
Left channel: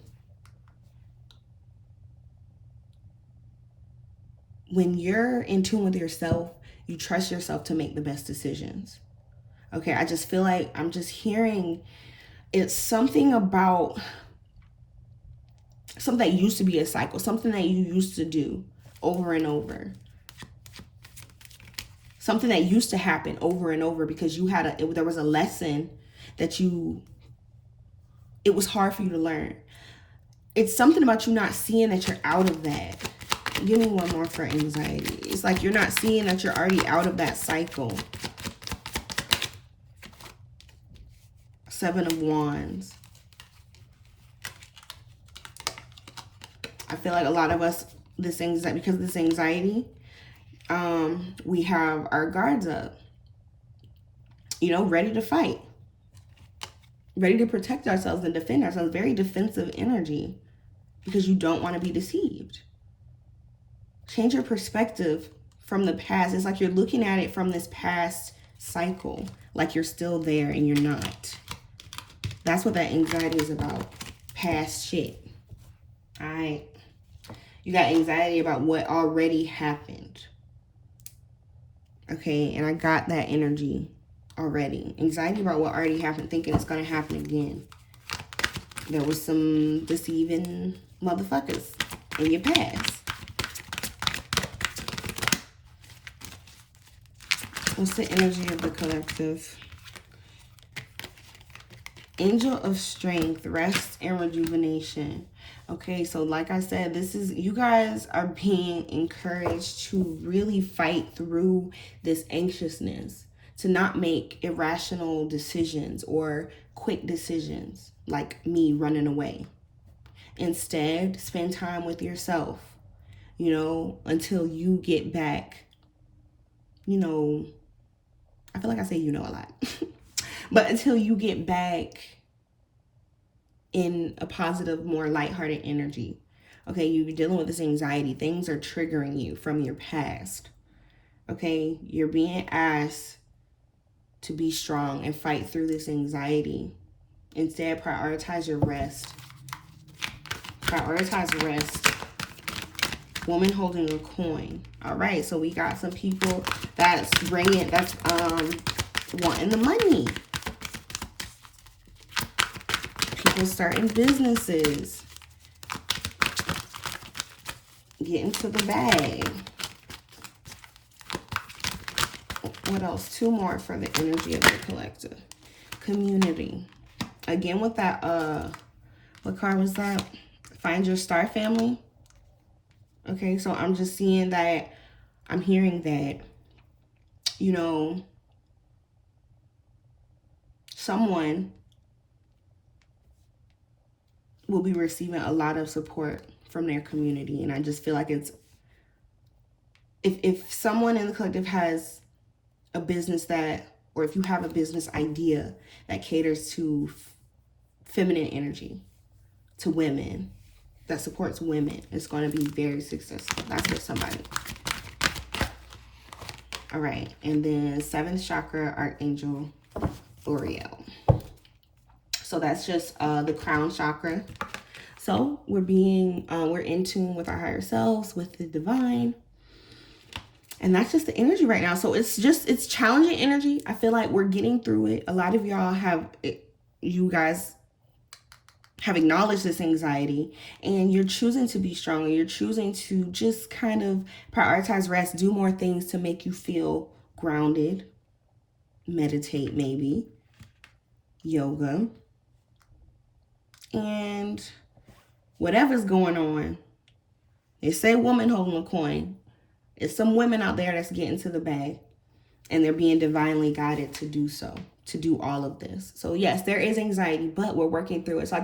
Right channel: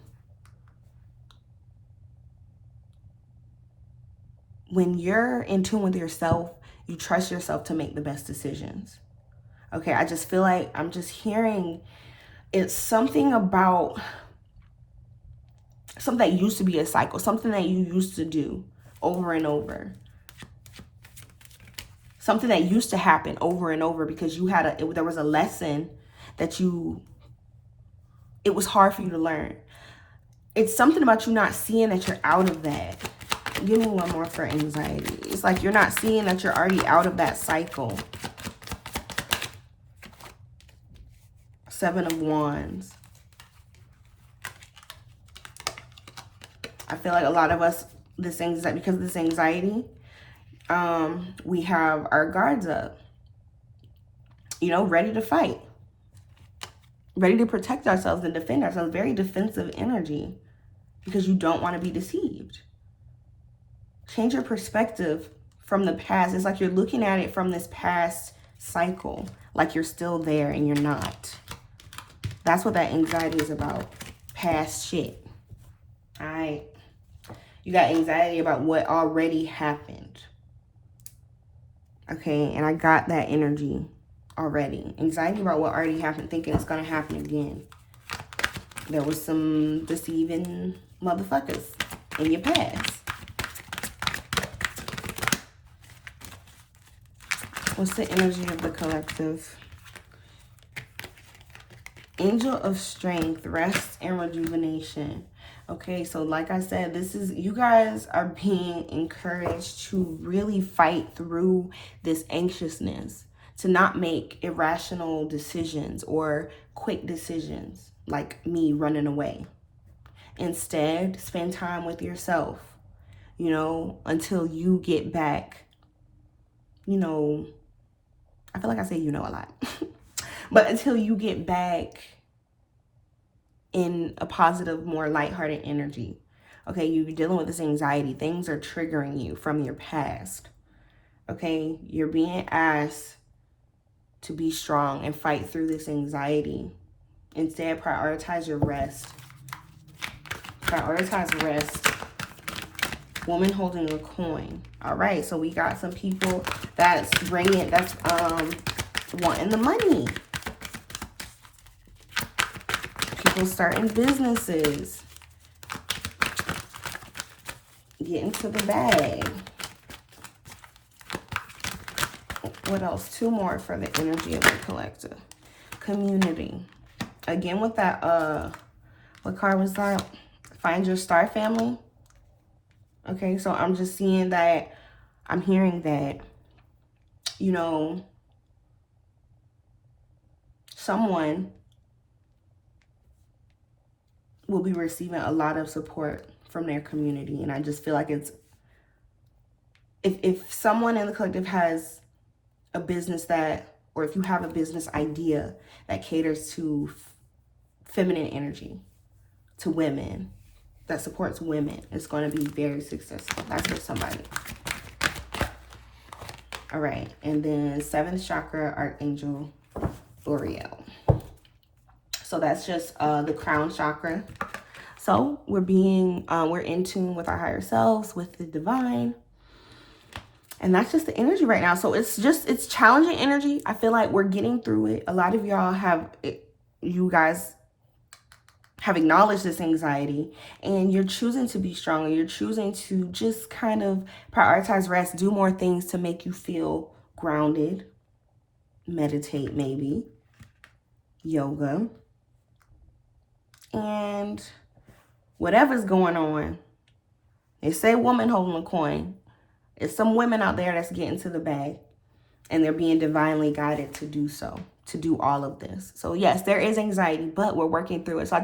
When you're in tune with yourself, you trust yourself to make the best decisions. Okay, I just feel like I'm just hearing it's something about something that used to be a cycle, something that you used to do over and over. Something that used to happen over and over because you had there was a lesson that it was hard for you to learn. It's something about you not seeing that you're out of that. Give me one more for anxiety. It's like you're not seeing that you're already out of that cycle. 7 of Wands. I feel like a lot of us, because of this anxiety, we have our guards up. You know, ready to fight. Ready to protect ourselves and defend ourselves. Very defensive energy because you don't want to be deceived. Change your perspective from the past. It's like you're looking at it from this past cycle, like you're still there and you're not. That's what that anxiety is about. Past shit. All right. You got anxiety about what already happened. Okay, and I got that energy already. Anxiety about what already happened, thinking it's going to happen again. There was some deceiving motherfuckers in your past. What's the energy of the collective? Angel of Strength, rest and rejuvenation. Okay, so like I said, you guys are being encouraged to really fight through this anxiousness, to not make irrational decisions or quick decisions like me running away. Instead, spend time with yourself, you know, until you get back, you know, I feel like I say you know a lot, but until you get back in a positive, more lighthearted energy. Okay, you're dealing with this anxiety. Things are triggering you from your past. Okay, you're being asked to be strong and fight through this anxiety. Instead, prioritize your rest. Prioritize rest. Woman holding a coin. All right, so we got some people that's wanting the money. People starting businesses. Getting to the bag. What else? 2 more for the energy of the collective. Community. Again with that, what card was that? Find your star family. Okay, so I'm just seeing that, I'm hearing that, you know, someone will be receiving a lot of support from their community. And I just feel like it's, if someone in the collective has a business or if you have a business idea that caters to feminine energy, to women, that supports women, it's going to be very successful. That's for somebody. All right, and then 7th chakra, Archangel Uriel. So that's just the crown chakra. So we're in tune with our higher selves, with the divine. And that's just the energy right now. So it's challenging energy. I feel like we're getting through it. A lot of y'all you guys have acknowledged this anxiety and you're choosing to be stronger. You're choosing to just kind of prioritize rest, do more things to make you feel grounded, meditate maybe, yoga, and whatever's going on. They say woman holding a coin. There's some women out there that's getting to the bag, and they're being divinely guided to do so, to do all of this. So yes, there is anxiety, but we're working through it. So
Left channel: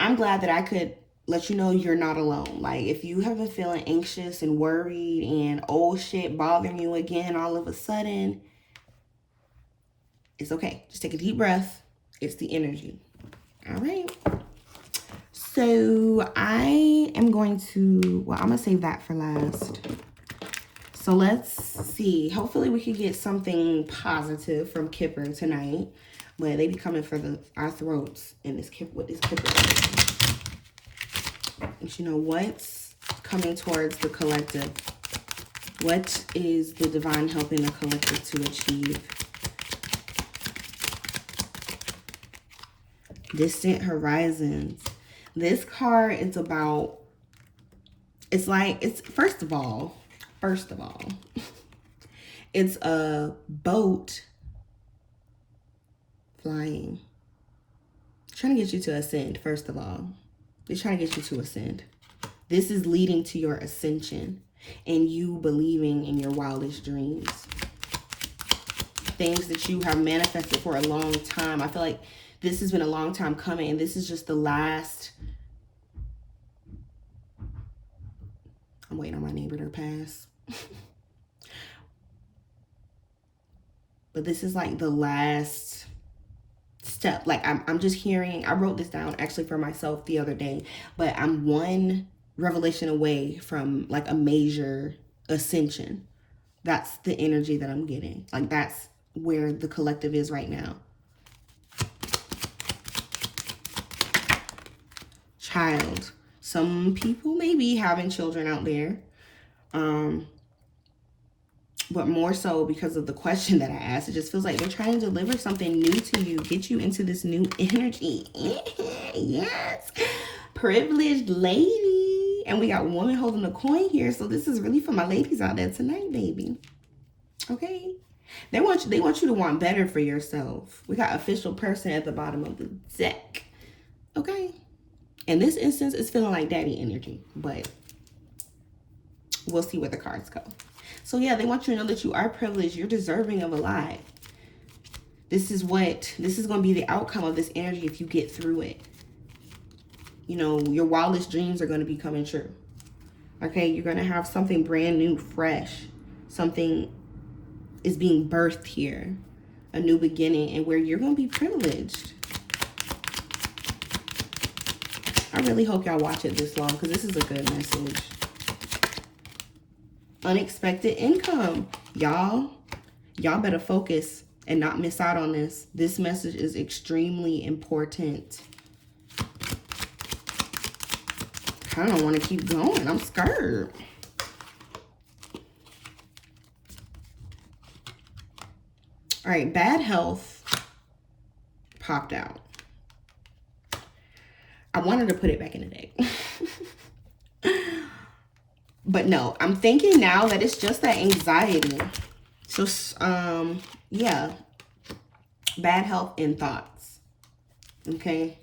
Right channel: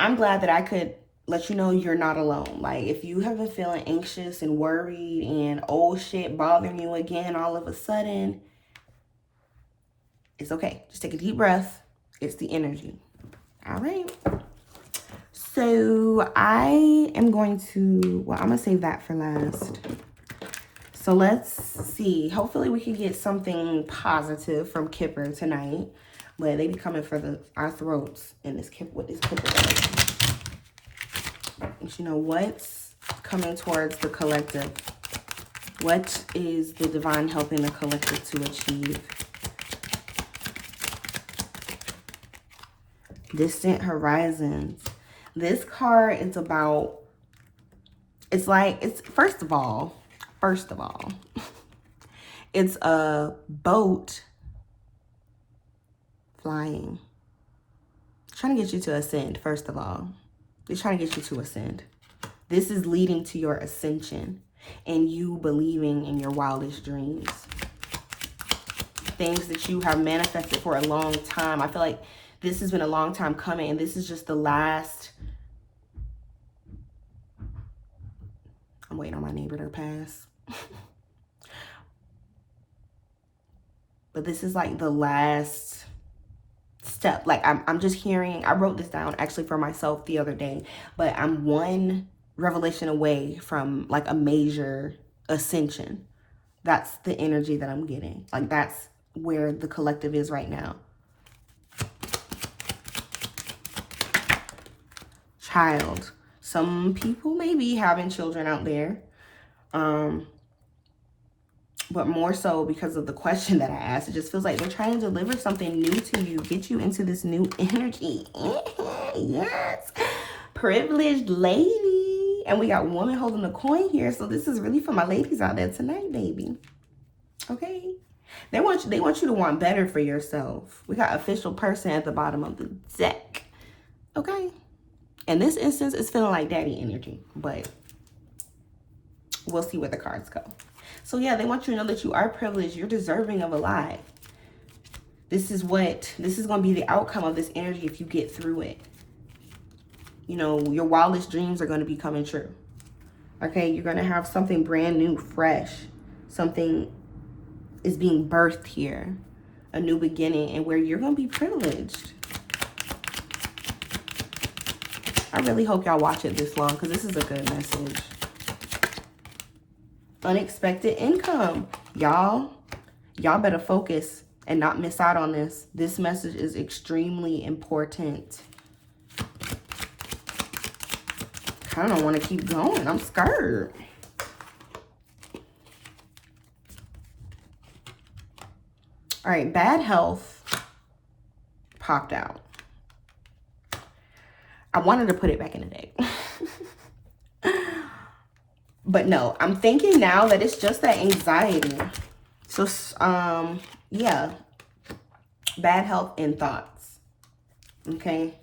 I'm glad that I could let you know you're not alone. Like, if you have been feeling anxious and worried and old shit bothering you again all of a sudden, it's okay. Just take a deep breath. It's the energy. All right. So I am going to, well, I'm going to save that for last. So let's see. Hopefully we can get something positive from Kipper tonight. But they be coming for our throats in this Kipper, with this Kipper. But you know, what's coming towards the collective? What is the divine helping the collective to achieve? Distant horizons. This card is about, first of all, it's a boat flying. Trying to get you to ascend, first of all. They're trying to get you to ascend. This is leading to your ascension and you believing in your wildest dreams. Things that you have manifested for a long time. I feel like this has been a long time coming, and this is just the last. I'm waiting on my neighbor to pass. But this is like the last step. Like I'm just hearing, I wrote this down actually for myself the other day, but I'm one revelation away from like a major ascension. That's the energy that I'm getting. Like, that's where the collective is right now. Child. Some people may be having children out there. But more so because of the question that I asked. It just feels like they're trying to deliver something new to you. Get you into this new energy. Yes. Privileged lady. And we got woman holding a coin here. So this is really for my ladies out there tonight, baby. Okay. They want you to want better for yourself. We got official person at the bottom of the deck. Okay. In this instance, it's feeling like daddy energy, but we'll see where the cards go. So yeah, they want you to know that you are privileged. You're deserving of a lot. This is going to be the outcome of this energy if you get through it. You know, your wildest dreams are going to be coming true. Okay, you're going to have something brand new, fresh. Something is being birthed here. A new beginning, and where you're going to be privileged. I really hope y'all watch it this long, because this is a good message. Unexpected income. Y'all better focus and not miss out on this. This message is extremely important. I don't want to keep going. I'm scared. All right, bad health popped out. I wanted to put it back in the deck. But no, I'm thinking now that it's just that anxiety. So, yeah. Bad health and thoughts. Okay.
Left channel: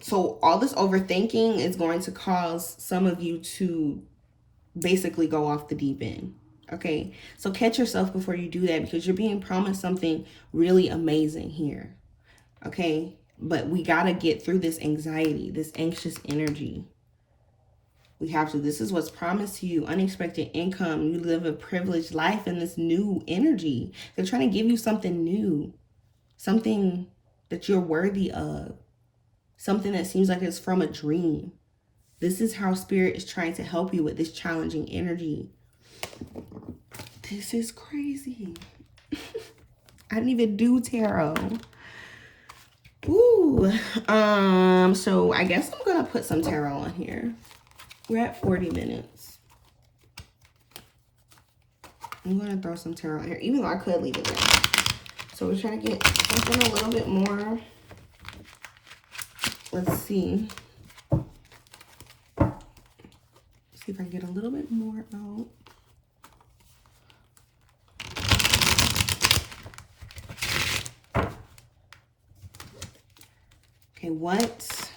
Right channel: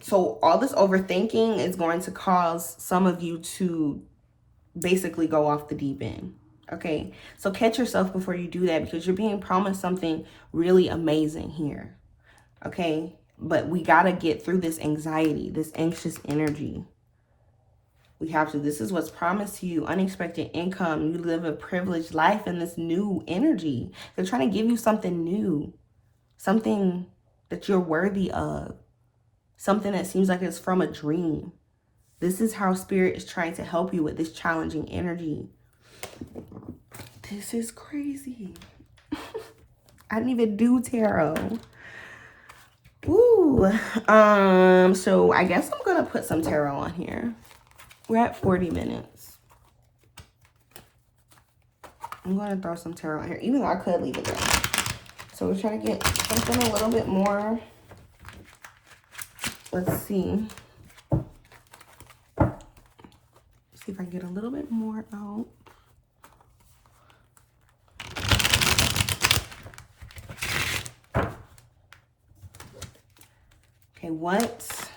So all this overthinking is going to cause some of you to basically go off the deep end. Okay. So catch yourself before you do that, because you're being promised something really amazing here. Okay. But we got to get through this anxiety, this anxious energy. We have to. This is what's promised to you. Unexpected income. You live a privileged life in this new energy. They're trying to give you something new. Something that you're worthy of. Something that seems like it's from a dream. This is how Spirit is trying to help you with this challenging energy. This is crazy. I didn't even do tarot. Ooh. So I guess I'm going to put some tarot on here. We're at 40 minutes. I'm going to throw some tarot in here, even though I could leave it there. So we're trying to get something a little bit more. Let's see. See if I get a little bit more out. what?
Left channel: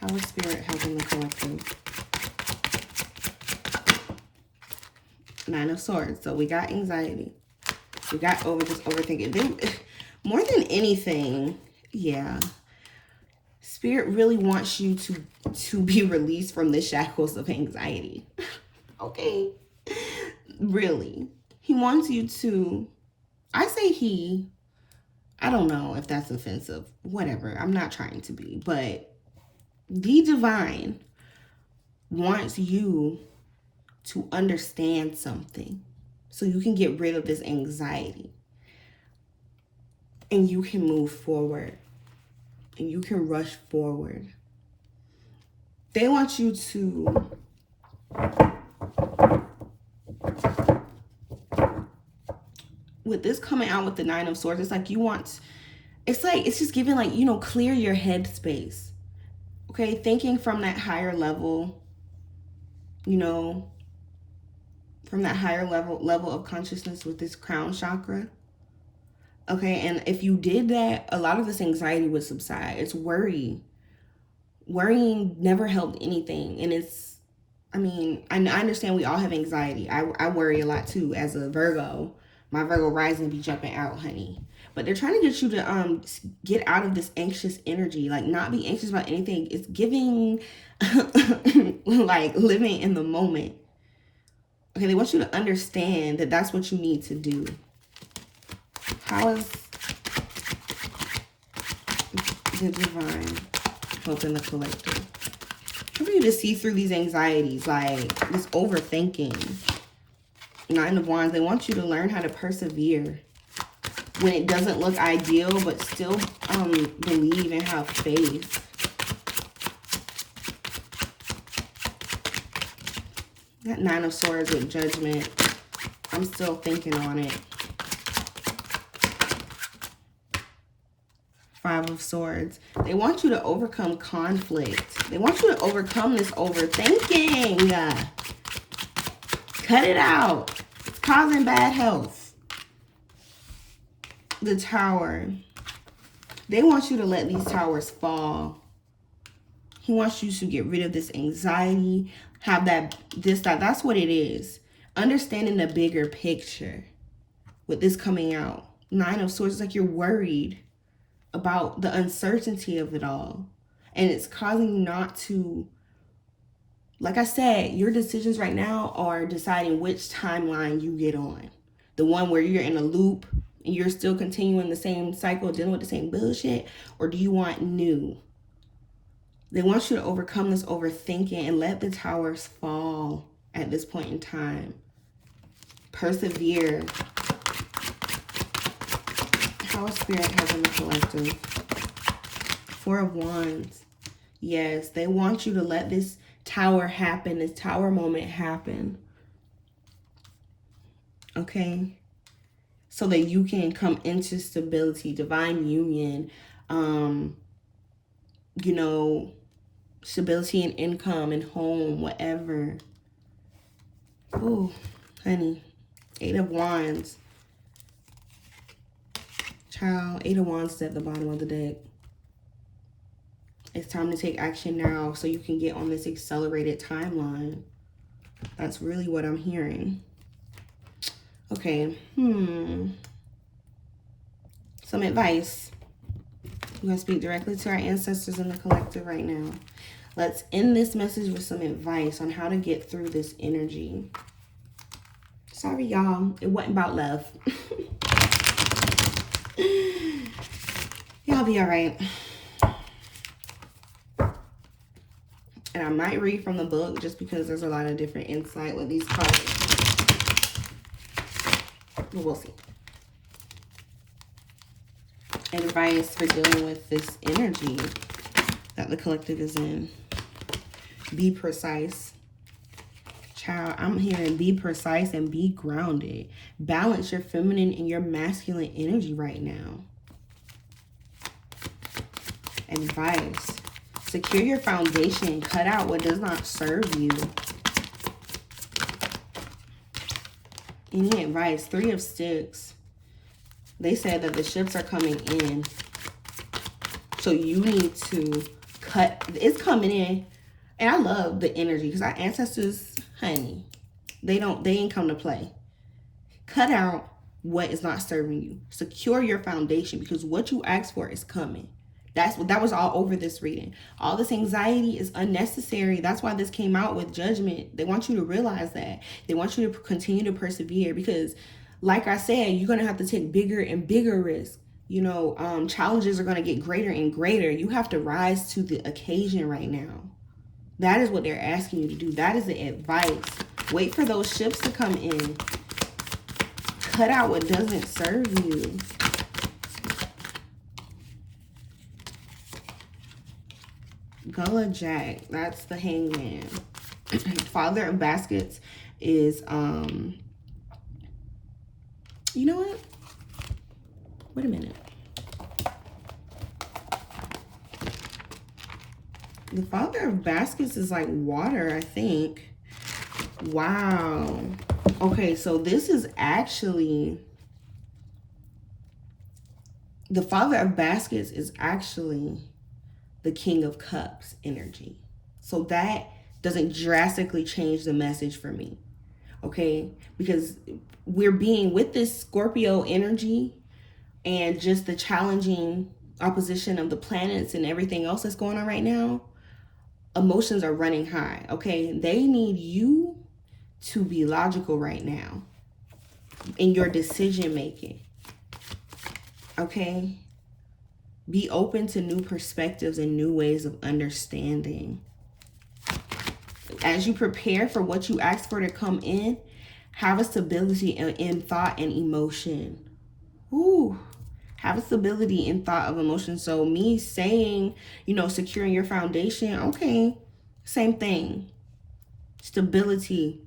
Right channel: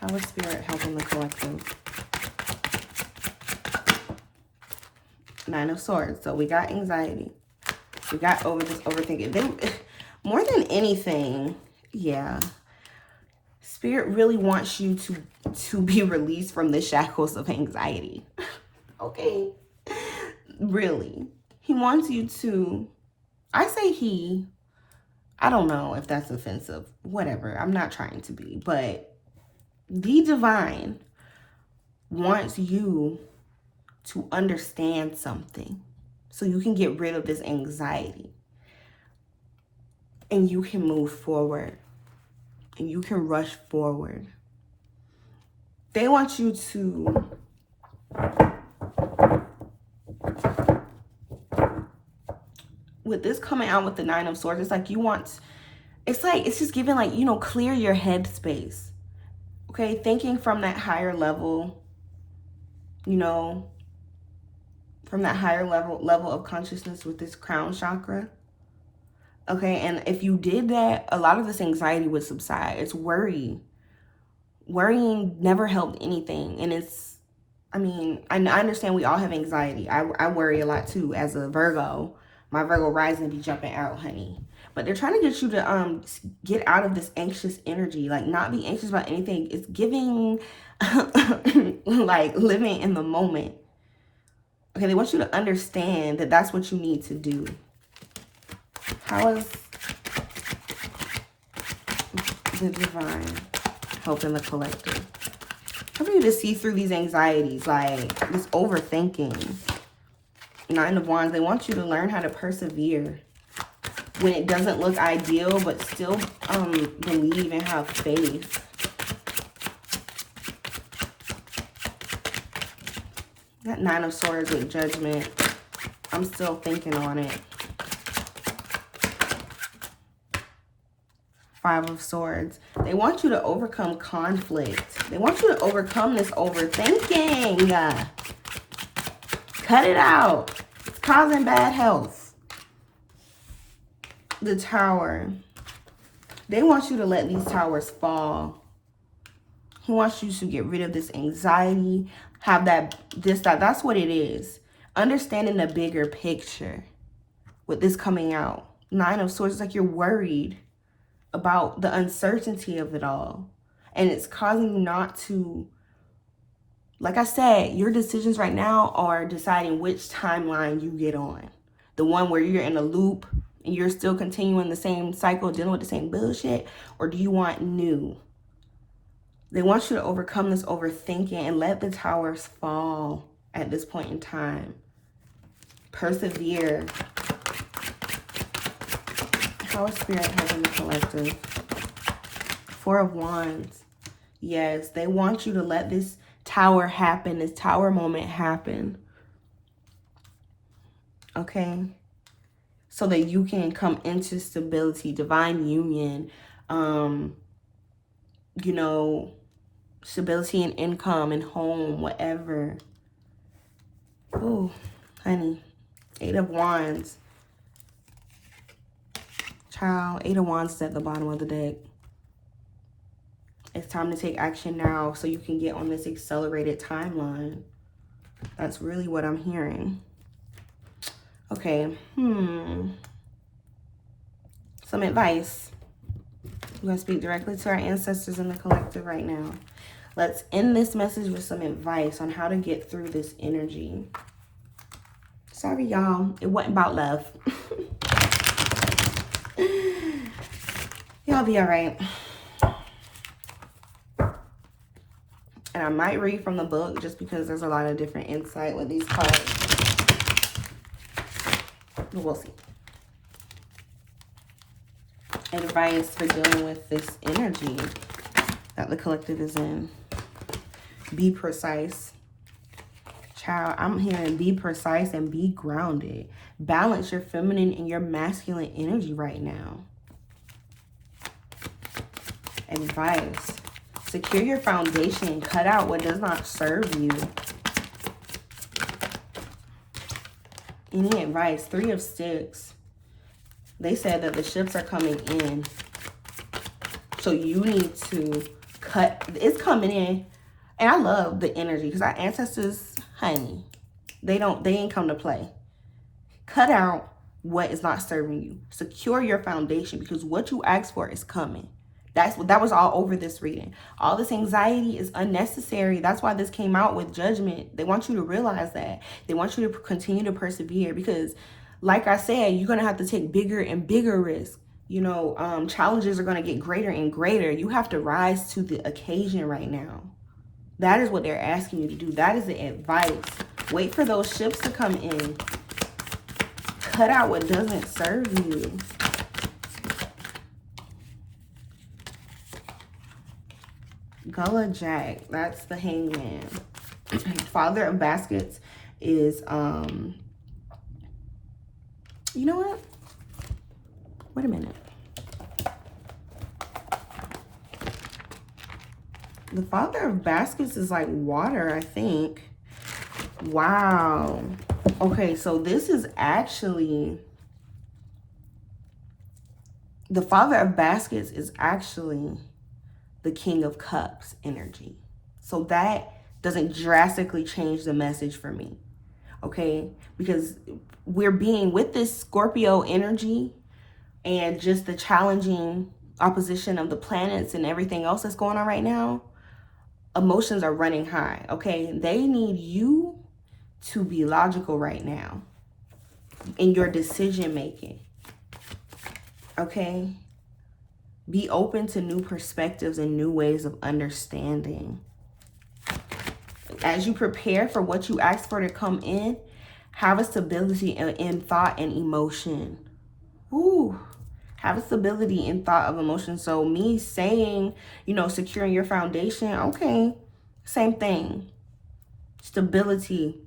How is Spirit helping the collective? Nine of Swords. So we got anxiety. We got overthinking. More than anything, yeah. Spirit really wants you to be released from the shackles of anxiety. Okay? Really. He wants you to, I say he, I don't know if that's offensive. Whatever. I'm not trying to be. But the divine wants you to understand something so you can get rid of this anxiety and you can move forward and you can rush forward. They want you to with this coming out with the Nine of Swords, it's like you want, it's just giving like, you know, clear your head space. Okay, thinking from that higher level, you know, from that higher level of consciousness with this crown chakra. Okay, and if you did that, a lot of this anxiety would subside. It's worry. Worrying never helped anything. And it's, I mean, I understand we all have anxiety. I worry a lot too as a Virgo. My Virgo rising be jumping out, honey. But they're trying to get you to get out of this anxious energy. Like, not be anxious about anything. It's giving, like, living in the moment. Okay, they want you to understand that that's what you need to do. How is the divine helping the collective? Helping you to see through these anxieties, like this overthinking. Nine of Wands, they want you to learn how to persevere when it doesn't look ideal, but still believe and have faith. That Nine of Swords with Judgment, I'm still thinking on it. Five of Swords. They want you to overcome conflict. They want you to overcome this overthinking. Cut it out. It's causing bad health. The Tower. They want you to let these towers fall. He wants you to get rid of this anxiety. Have that, that's what it is. Understanding the bigger picture with this coming out. Nine of Swords, it's like you're worried about the uncertainty of it all. And it's causing you not to, like I said, your decisions right now are deciding which timeline you get on. The one where you're in a loop and you're still continuing the same cycle, dealing with the same bullshit, or do you want new? They want you to overcome this overthinking and let the towers fall at this point in time. Persevere. How is Spirit helping the collective? Four of Wands. Yes, they want you to let this tower happen, this tower moment happen. Okay? So that you can come into stability, divine union, you know, stability and income and home, whatever. Oh, honey. Eight of Wands. Child, Eight of Wands is at the bottom of the deck. It's time to take action now so you can get on this accelerated timeline. That's really what I'm hearing. Okay. Some advice. I'm going to speak directly to our ancestors in the collective right now. Let's end this message with some advice on how to get through this energy. Sorry, y'all. It wasn't about love. Y'all be all right. And I might read from the book just because there's a lot of different insight with these cards. We'll see. Advice for dealing with this energy that the collective is in. Be precise. Child, I'm hearing be precise and be grounded. Balance your feminine and your masculine energy right now. Advice. Secure your foundation. Cut out what does not serve you. Any advice? Three of Sticks. they said that the ships are coming in. So you need to cut. It's coming in. And I love the energy because our ancestors, honey, they ain't come to play. Cut out what is not serving you. Secure your foundation because what you asked for is coming. That was all over this reading. All this anxiety is unnecessary. That's why this came out with judgment. They want you to realize that. They want you to continue to persevere because, like I said, you're going to have to take bigger and bigger risks. You know, challenges are going to get greater and greater. You have to rise to the occasion right now. That is what they're asking you to do. That is the advice. Wait for those ships to come in. Cut out what doesn't serve you. Gullah Jack, that's the Hangman. Father of Baskets is, you know what? Wait a minute. The Father of Baskets is like water, I think. Wow. Okay, so this is actually, the Father of Baskets is actually the King of Cups energy. So that doesn't drastically change the message for me, okay? Because we're being with this Scorpio energy and just the challenging opposition of the planets and everything else that's going on right now, emotions are running high, okay? They need you to be logical right now in your decision making, okay? Be open to new perspectives and new ways of understanding. As you prepare for what you asked for to come in, have a stability in thought and emotion. Ooh, have a stability in thought of emotion. So me saying, you know, securing your foundation, okay, same thing. Stability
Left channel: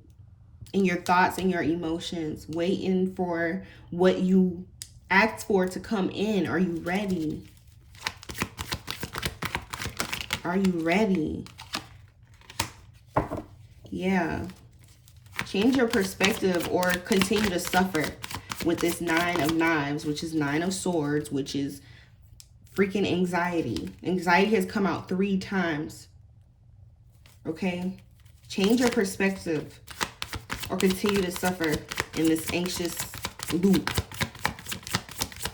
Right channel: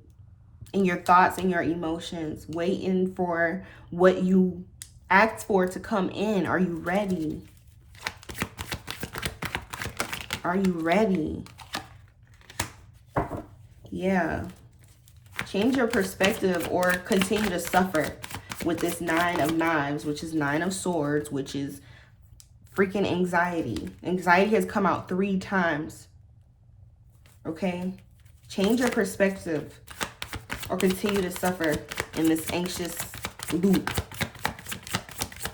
in your thoughts and your emotions. Waiting for what you asked for to come in. Are you ready? Are you ready? Yeah. Change your perspective or continue to suffer with this 9 of Knives, which is 9 of Swords, which is freaking anxiety. Anxiety has come out 3 times. Okay? Change your perspective or continue to suffer in this anxious loop.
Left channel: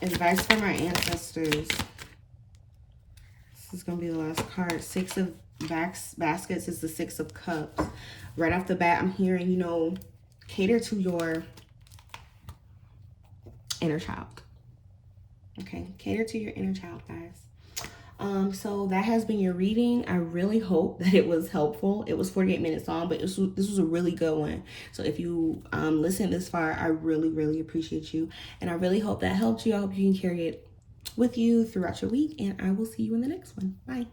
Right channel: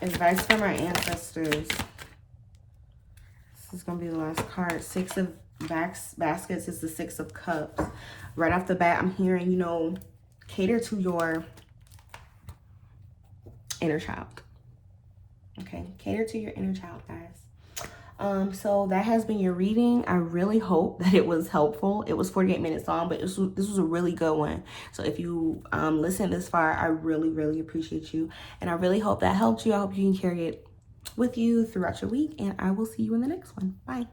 Advice from our ancestors. This is going to be the last card. 6 of Baskets is the 6 of Cups. Right off the bat, I'm hearing, you know, cater to your inner child. Okay, cater to your inner child, guys. So that has been your reading. I really hope that it was helpful. It was 48 minutes long, but this was a really good one. So if you listened this far, I really, really appreciate you. And I really hope that helped you. I hope you can carry it with you throughout your week. And I will see you in the next one. Bye.